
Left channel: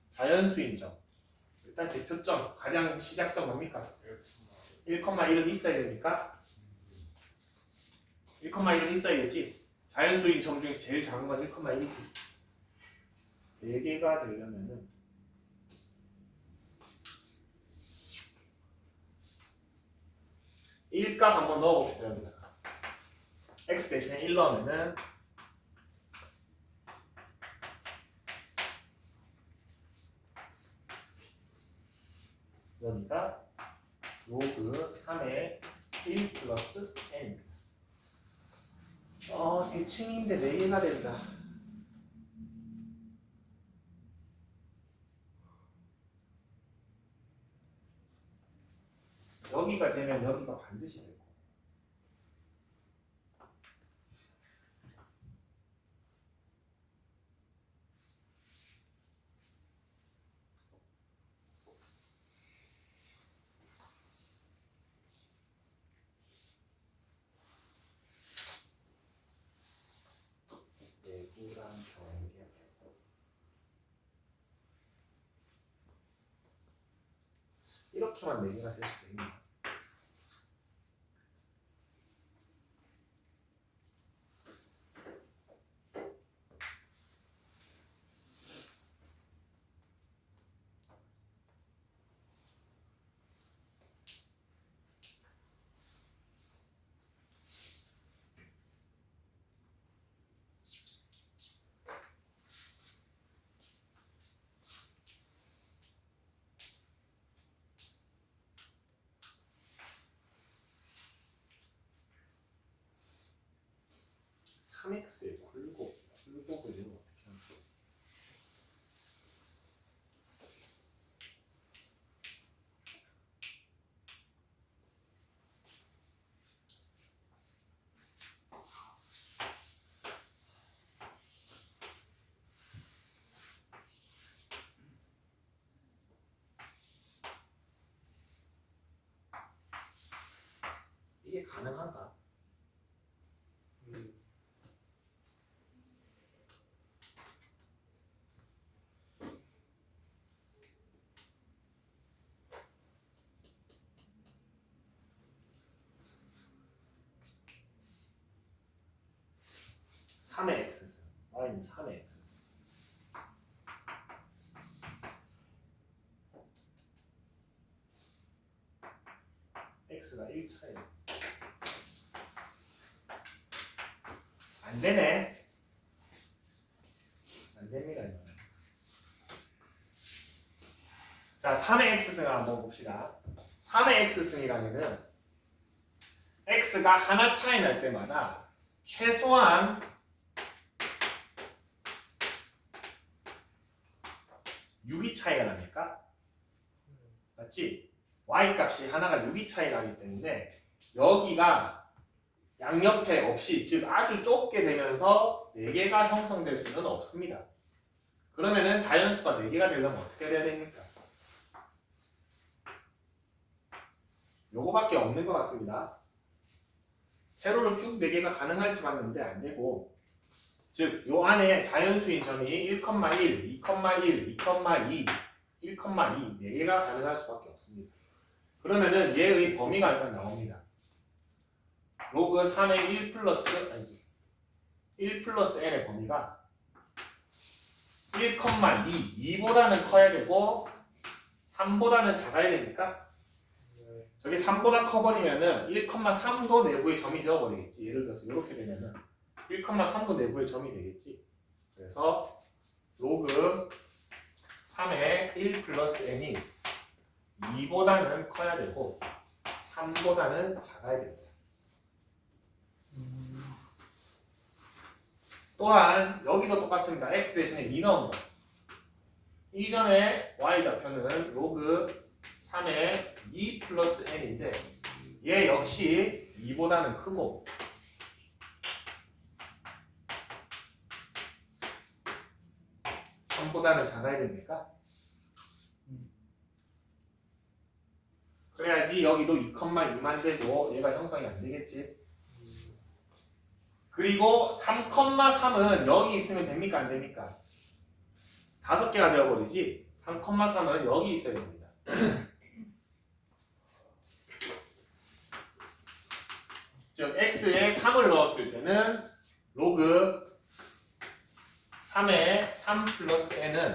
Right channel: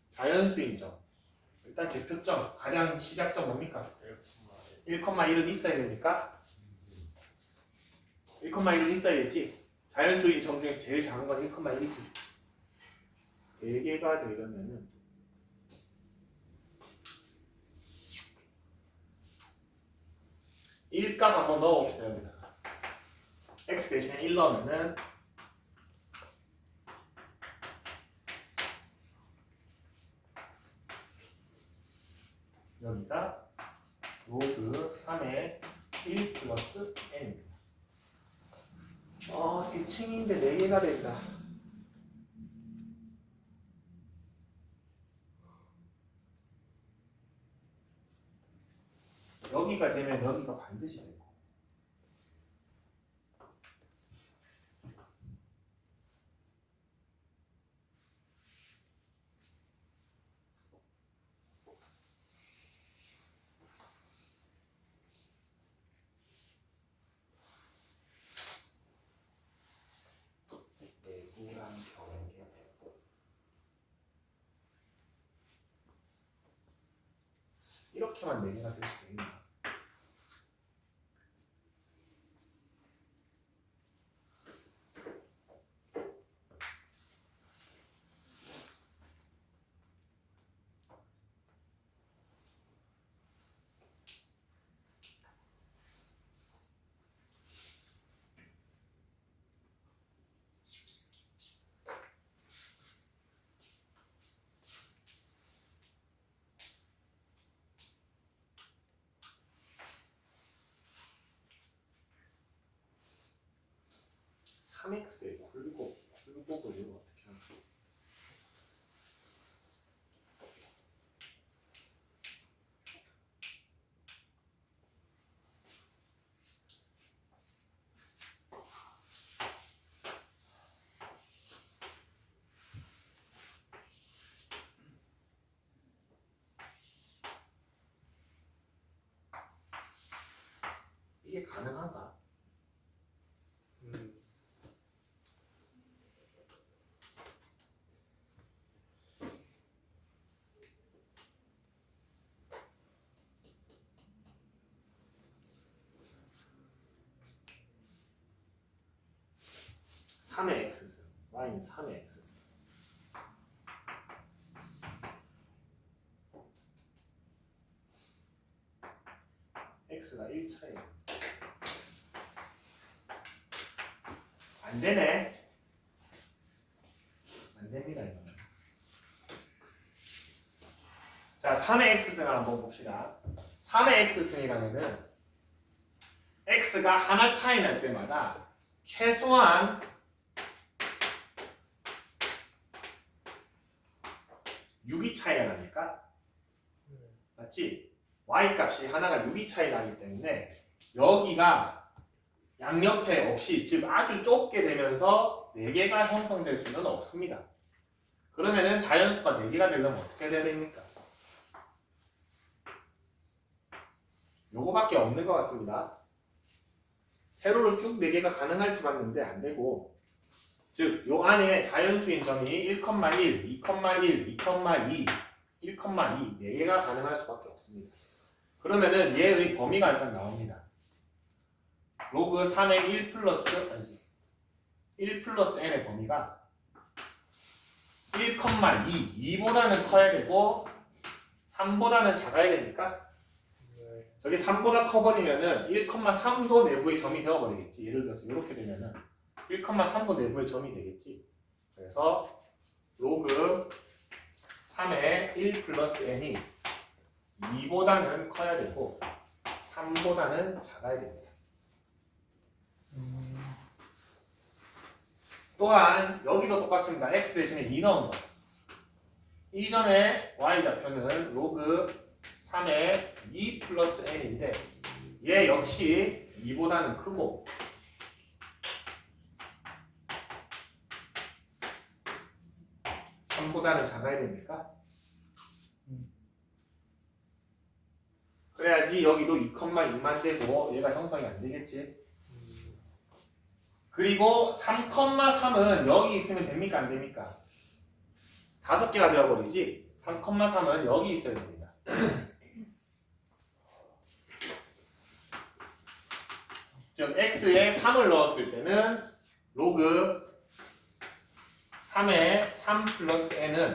자연수인 점. 일단 대표점, 가장 시작점 뭡니까? 1,1은 있어야 됩니까? 1,1은 있어야겠지. 자연수인 점 중에서 제일 작은 건 1,1이지. 4개가 되려면은 1값 한번 넣어봅시다. 여기다가 x 대신에 1 넣으면은 여기가 로그 3의 1 플러스 n입니다. 대칭인데 4개가 됩니다. 여기가 되면 여기가 반드시 되고 내구랑 경계 이렇게만 4개가 될 수도 있나? x의 굴곡을 이거 어떻게 하나? 이게 가능한가? 3의 x승, y는 3의 x승. x가 1차예요. 안 되네. 안 됩니다, 이거는. 자, 3의 x승을 한번 봅시다. 3의 x승이라면은 x가 하나 차이 날 때마다 최소한 6이 차이가 나니까 맞지? y 값이 하나가 6이 차이 나기 때문에 여기가 양옆에 없이 즉 아주 좁게 되면서 4개가 형성될 수는 없습니다. 그러면은 자연수가 4개가 되려면 어떻게 돼야 됩니까? 요거밖에 없는 것 같습니다. 세로로 쭉 4개가 가능할지 봤는데 안 되고 즉 요 안에 자연수인 점이 1,1, 2,1, 2,2, 1,2 4개가 가능할 수밖에 없습니다. 그러면은 얘의 범위가 일단 나옵니다. 로그 3의 1 플러스 n의 범위가 1,2, 2보다는 커야 되고 3보다는 작아야 되니까 저기 3보다 커버리면은 1,3도 내부의 점이 되어버리겠지. 예를 들어서 이렇게 되면은 1,3도 내부의 점이 되겠지. 그래서 로그 3의 1 플러스 n이 2보다는 커야 되고 3보다는 작아야 됩니다. 또한 여기도 똑같습니다. x 대신에 2 넣은 거. 이 점의 y좌표는 로그 3의 2 플러스 n인데 얘 역시 2보다는 크고 보다는 작아야 됩니까? 그래야지 여기도 2,2만 되고 얘가 형성이 안 되겠지. 그리고 3,3은 여기 있으면 됩니까? 안 됩니까? 5개가 되어버리지. 3,3은 여기 있어야 됩니다. 즉 x에 3을 넣었을 때는 로그 3의 3 플러스 n은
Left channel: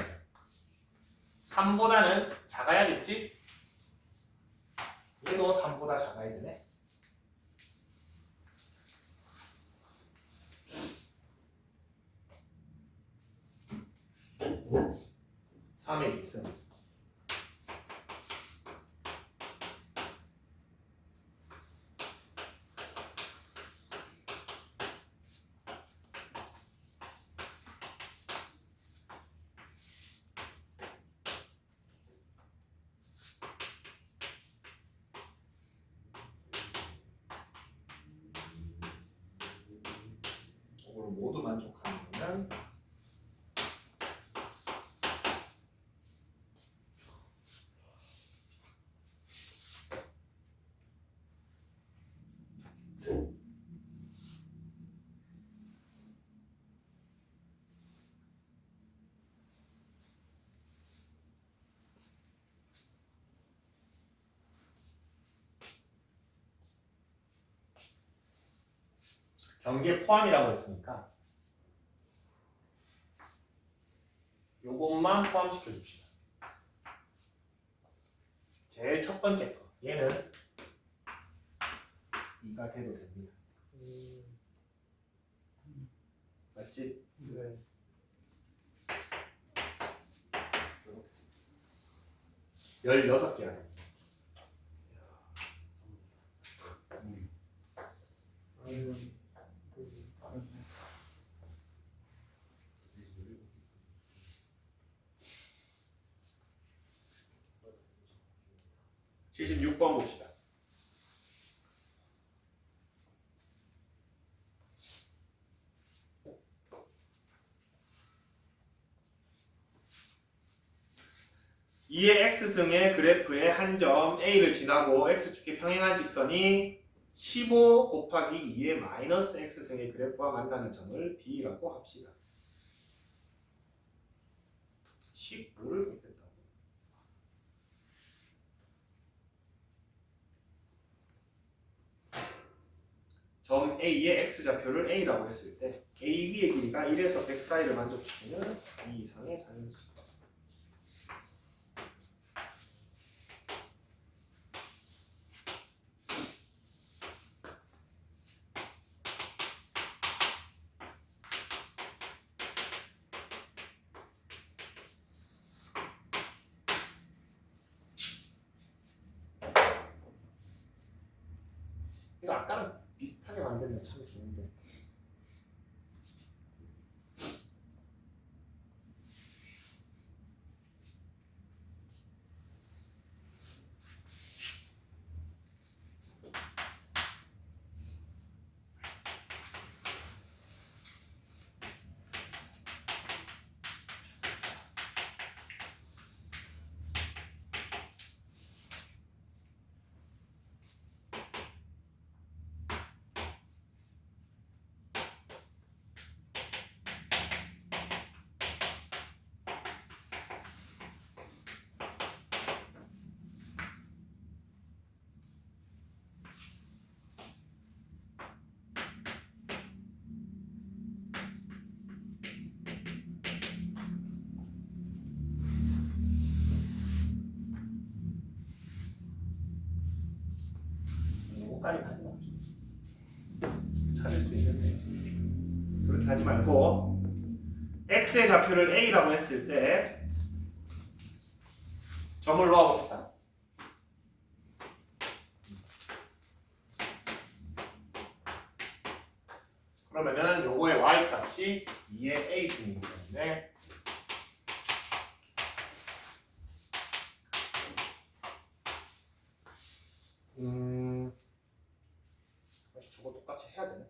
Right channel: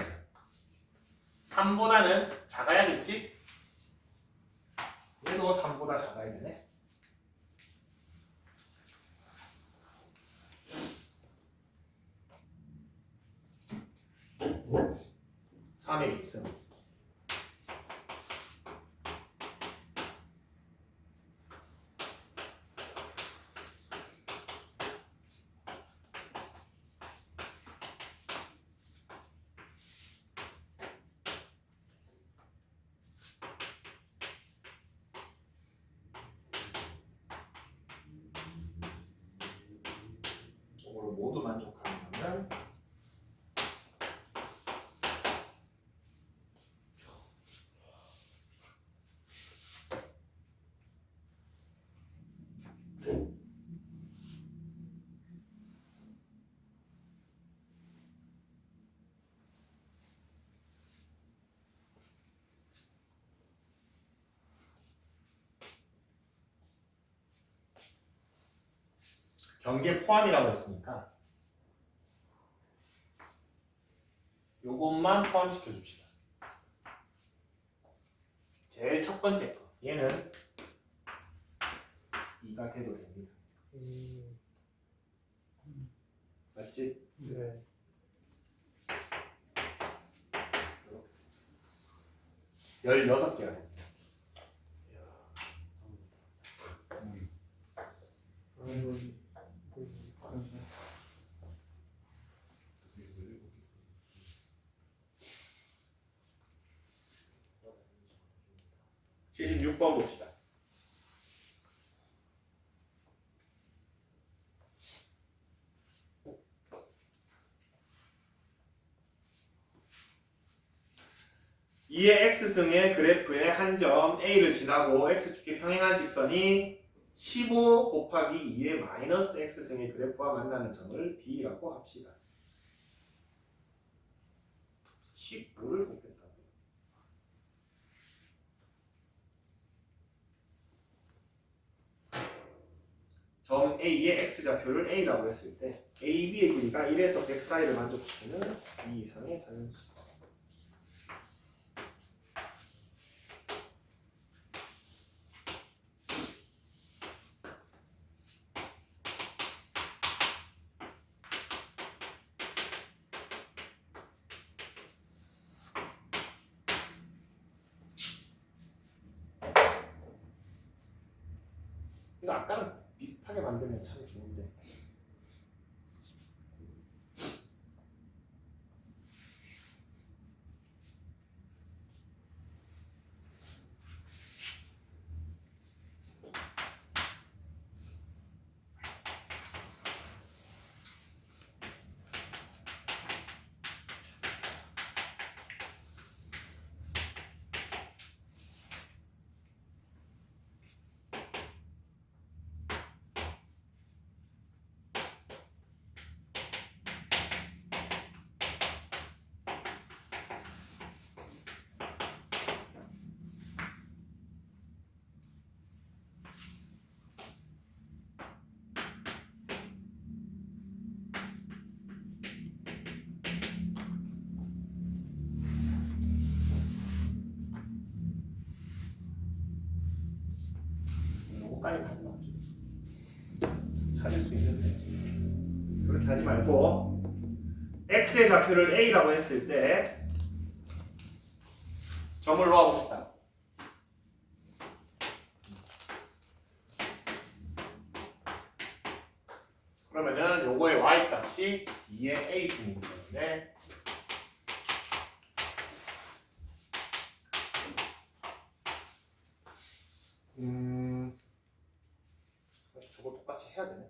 3보다는 작아야겠지? 얘도 3보다 작아야 되네. 3의 x는 이거를 모두 만족하는 거면 경계 포함이라고 했으니까 요것만 포함시켜 줍시다. 제일 첫 번째 거 얘는 2가 돼도 됩니다. 맞지? 네. 16개가 됩니다. 음. 76번 봅시다. 이의 x승의 그래프의 한 점 A를 지나고 x축에 평행한 직선이 15 곱하기 2의 마이너스 x승의 그래프와 만나는 점을 B라고 합시다. 15를 곱했다고. 점 A의 x좌표를 A라고 했을 때 AB의 길이가 1에서 100 사이를 만족시키는 B 이상의 자연수. 근데 아까는 비슷하게 만들면 참 좋은데. 요거까지 가지 맙시다. 찾을 수 있는데 그렇게 하지 말고 x의 좌표를 A라고 했을 때 점을 놓아봅시다. 그러면은 요거의 y값이 2의 A승이기 때문에 사실 저거 똑같이 해야 되네.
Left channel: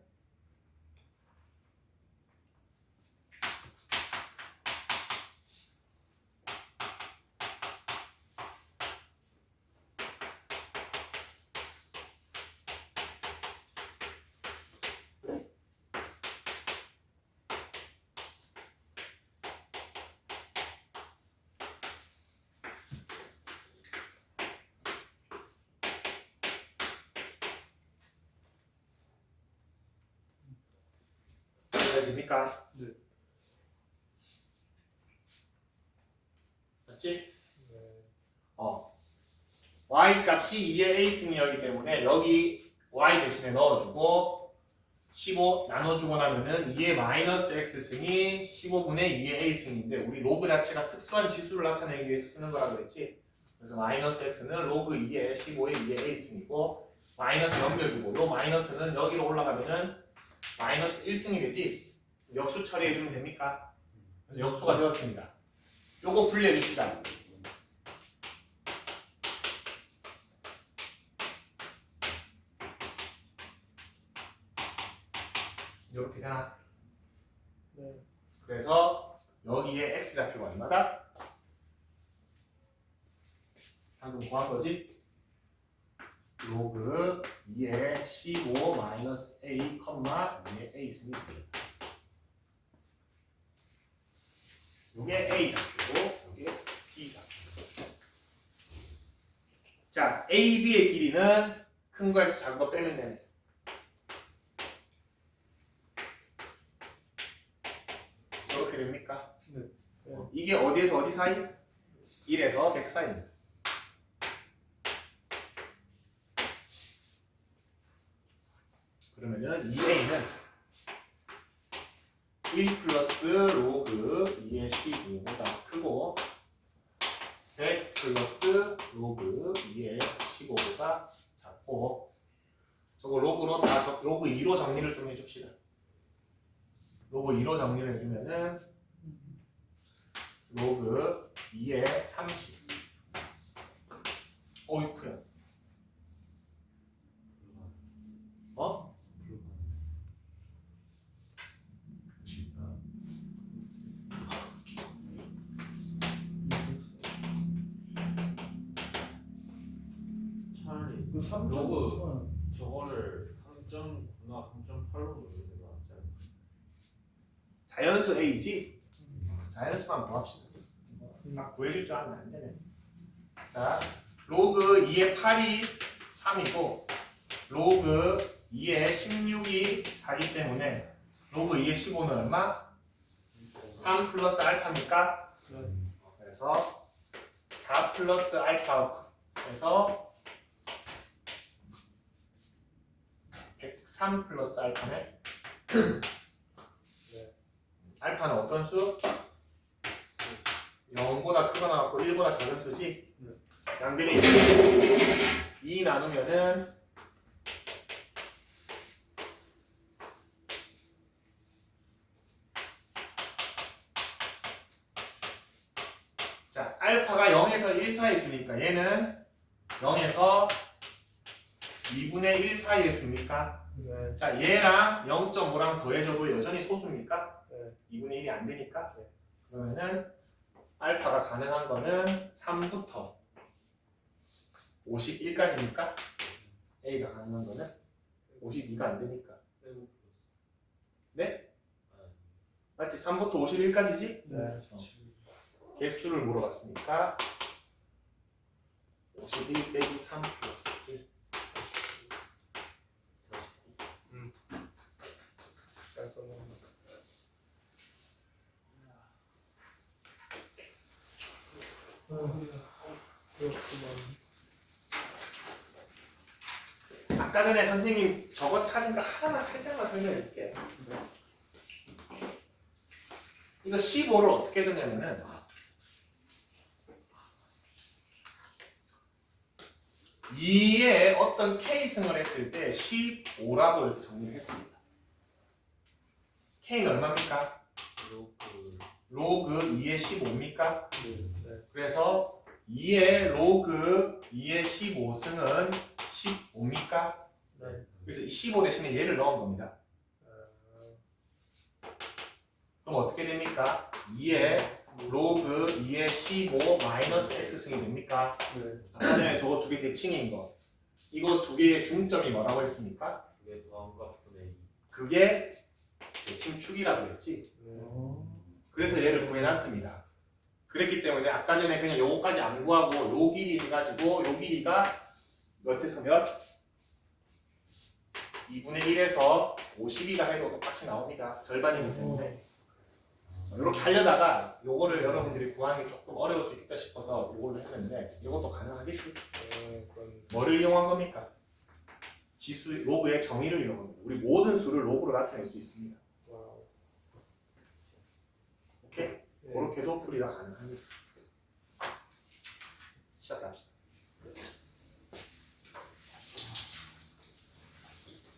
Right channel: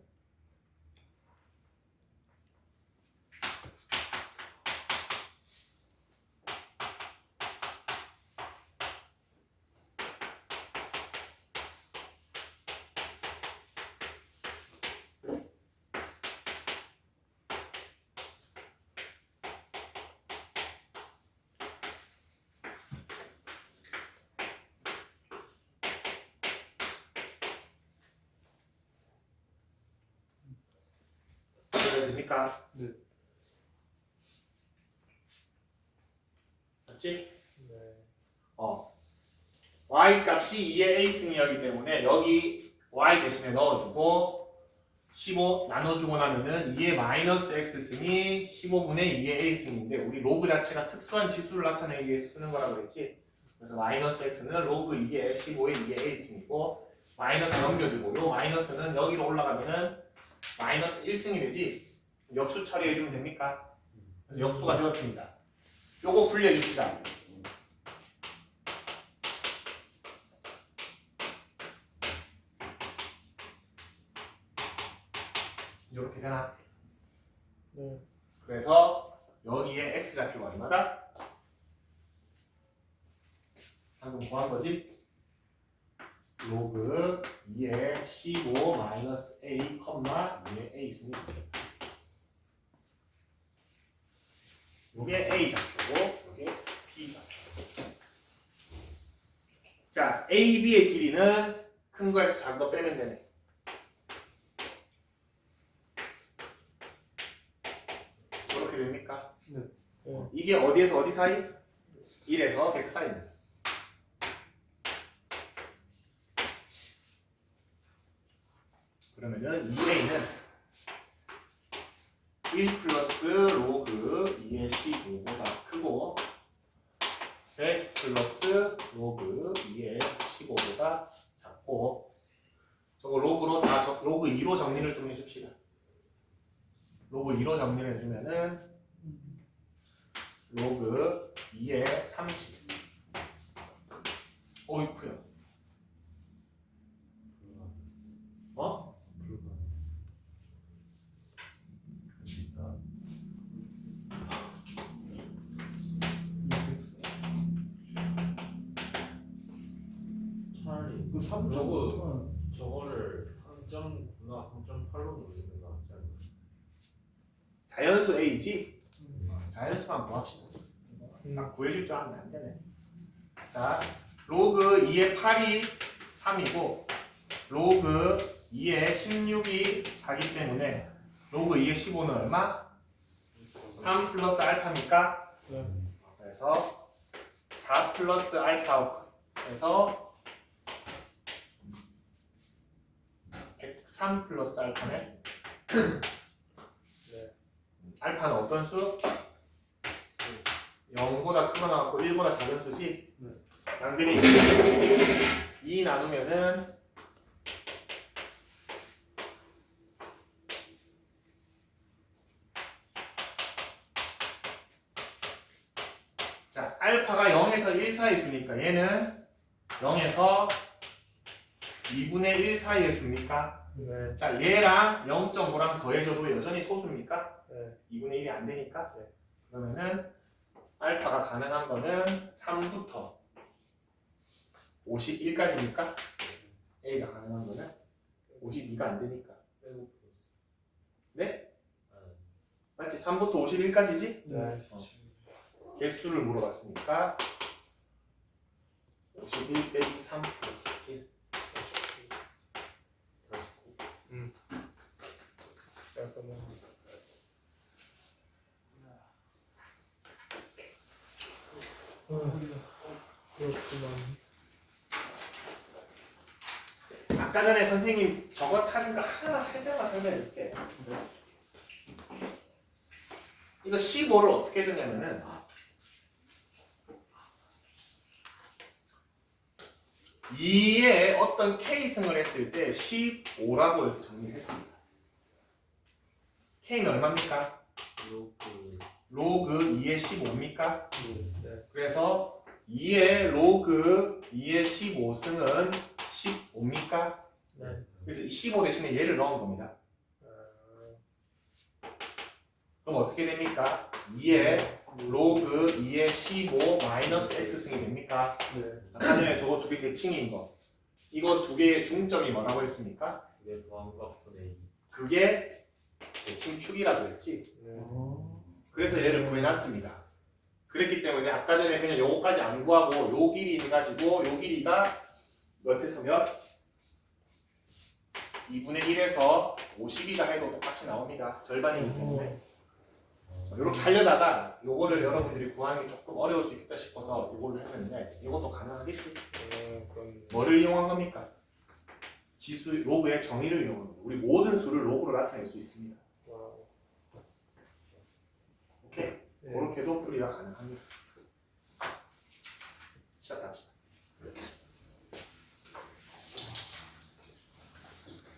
됩니까? 네. 맞지? 네. y 값이 2의 a 승이었기 때문에 여기 y 대신에 넣어주고 15 나눠주고 나면은 2의 마이너스 x 승이 15분의 2의 a 승인데 우리 로그 자체가 특수한 지수를 나타내기 위해서 쓰는 거라고 했지. 그래서 마이너스 x는 로그 2의 15의 2의 a 승이고 마이너스 넘겨주고 요 마이너스는 여기로 올라가면은 마이너스 1승이 되지. 역수 처리해주면 됩니까? 그래서 역수가 되었습니다. 요거 분리해줍시다. 이렇게 되나? 네. 그래서 여기에 x 좌표가 얼마다? 방금 구한 거지? 로그 2의 15 마이너스 a, 2의 a 승이 되겠다. 요게 a 좌표고 요게 b 좌표. 자, a, b의 길이는 큰 거에서 작은 거 빼면 되네. 그렇게 됩니까? 네. 네. 이게 어디에서 어디 사이? 1에서 100 사이입니다. 그러면은 2a는 1 플러스 로그 2의 15보다 크고 100 플러스 로그 2의 15보다 작고 저거 로그로 다 로그 2로 정리를 좀 해줍시다. 로그 2로 정리를 해주면은 로그 2의 30 어이쿠야 어? 차라리 그 3점. 로그 저거를 3.9나 3.8로 누르는 거 낫지 않나? 자연수 A지? 자연수만 구합시다. 딱 구해줄 줄 알았는데 안 되네. 자, 로그 2의 8이 3이고 로그 2의 16이 4기 때문에 로그 2의 15는 얼마? 3 플러스 알파니까 네. 그래서 4 플러스 알파에서 103 플러스 알파네. 네. 알파는 어떤 수? 0보다 크거나 같고 1보다 작은 수지? 네. 양변에 2 나누면은 자, 알파가 0에서 1 사이 수니까 얘는 0에서 2분의 1 사이의 수입니까? 네. 자, 얘랑 0.5랑 더해줘도 여전히 소수입니까? 네. 2분의 1이 안 되니까. 네. 그러면은 알파가 가능한 거는 3부터 51까지입니까? A가 가능한 거는 52가 안 되니까. 빼고 플러스. 네? 아, 맞지? 3부터 51까지지? 네. 개수를 물어봤으니까 51 빼기 3 플러스 1. 약간 그렇구만. 아까 전에 선생님 저거 찾은 거 하나만 살짝만 설명해줄게. 이거 15를 어떻게 해줬냐면은 2에 어떤 K승을 했을 때 15라고 이렇게 정리를 했습니다. K는 얼마입니까? 로그 로그 2의 15입니까? 네. 그래서 2의 로그 2의 15승은 15입니까? 네. 그래서 이 15 대신에 얘를 넣은 겁니다. 그럼 어떻게 됩니까? 2의 로그 2의 15 마이너스 x승이 됩니까? 네. 아까 전에 저거 두 개 대칭인 거. 이거 두 개의 중점이 뭐라고 했습니까? 두개 더함과 분의 2. 그게 대칭축이라고 했지. 네. 그래서 얘를 구해놨습니다. 그랬기 때문에 아까 전에 그냥 요거까지 안 구하고 요 길이 해가지고 요 길이가 몇에서 몇? 2분의 1에서 50이라 해도 똑같이 나옵니다. 절반이기 때문에. 이렇게 하려다가 요거를 여러분들이 구하는 게 조금 어려울 수 있겠다 싶어서 요걸로 했는데 이것도 가능하겠죠. 그건 뭐를 이용한 겁니까? 지수 로그의 정의를 이용한 겁니다. 우리 모든 수를 로그로 나타낼 수 있습니다. 와우. 오케이? 네. 그렇게도 풀이가 가능합니다.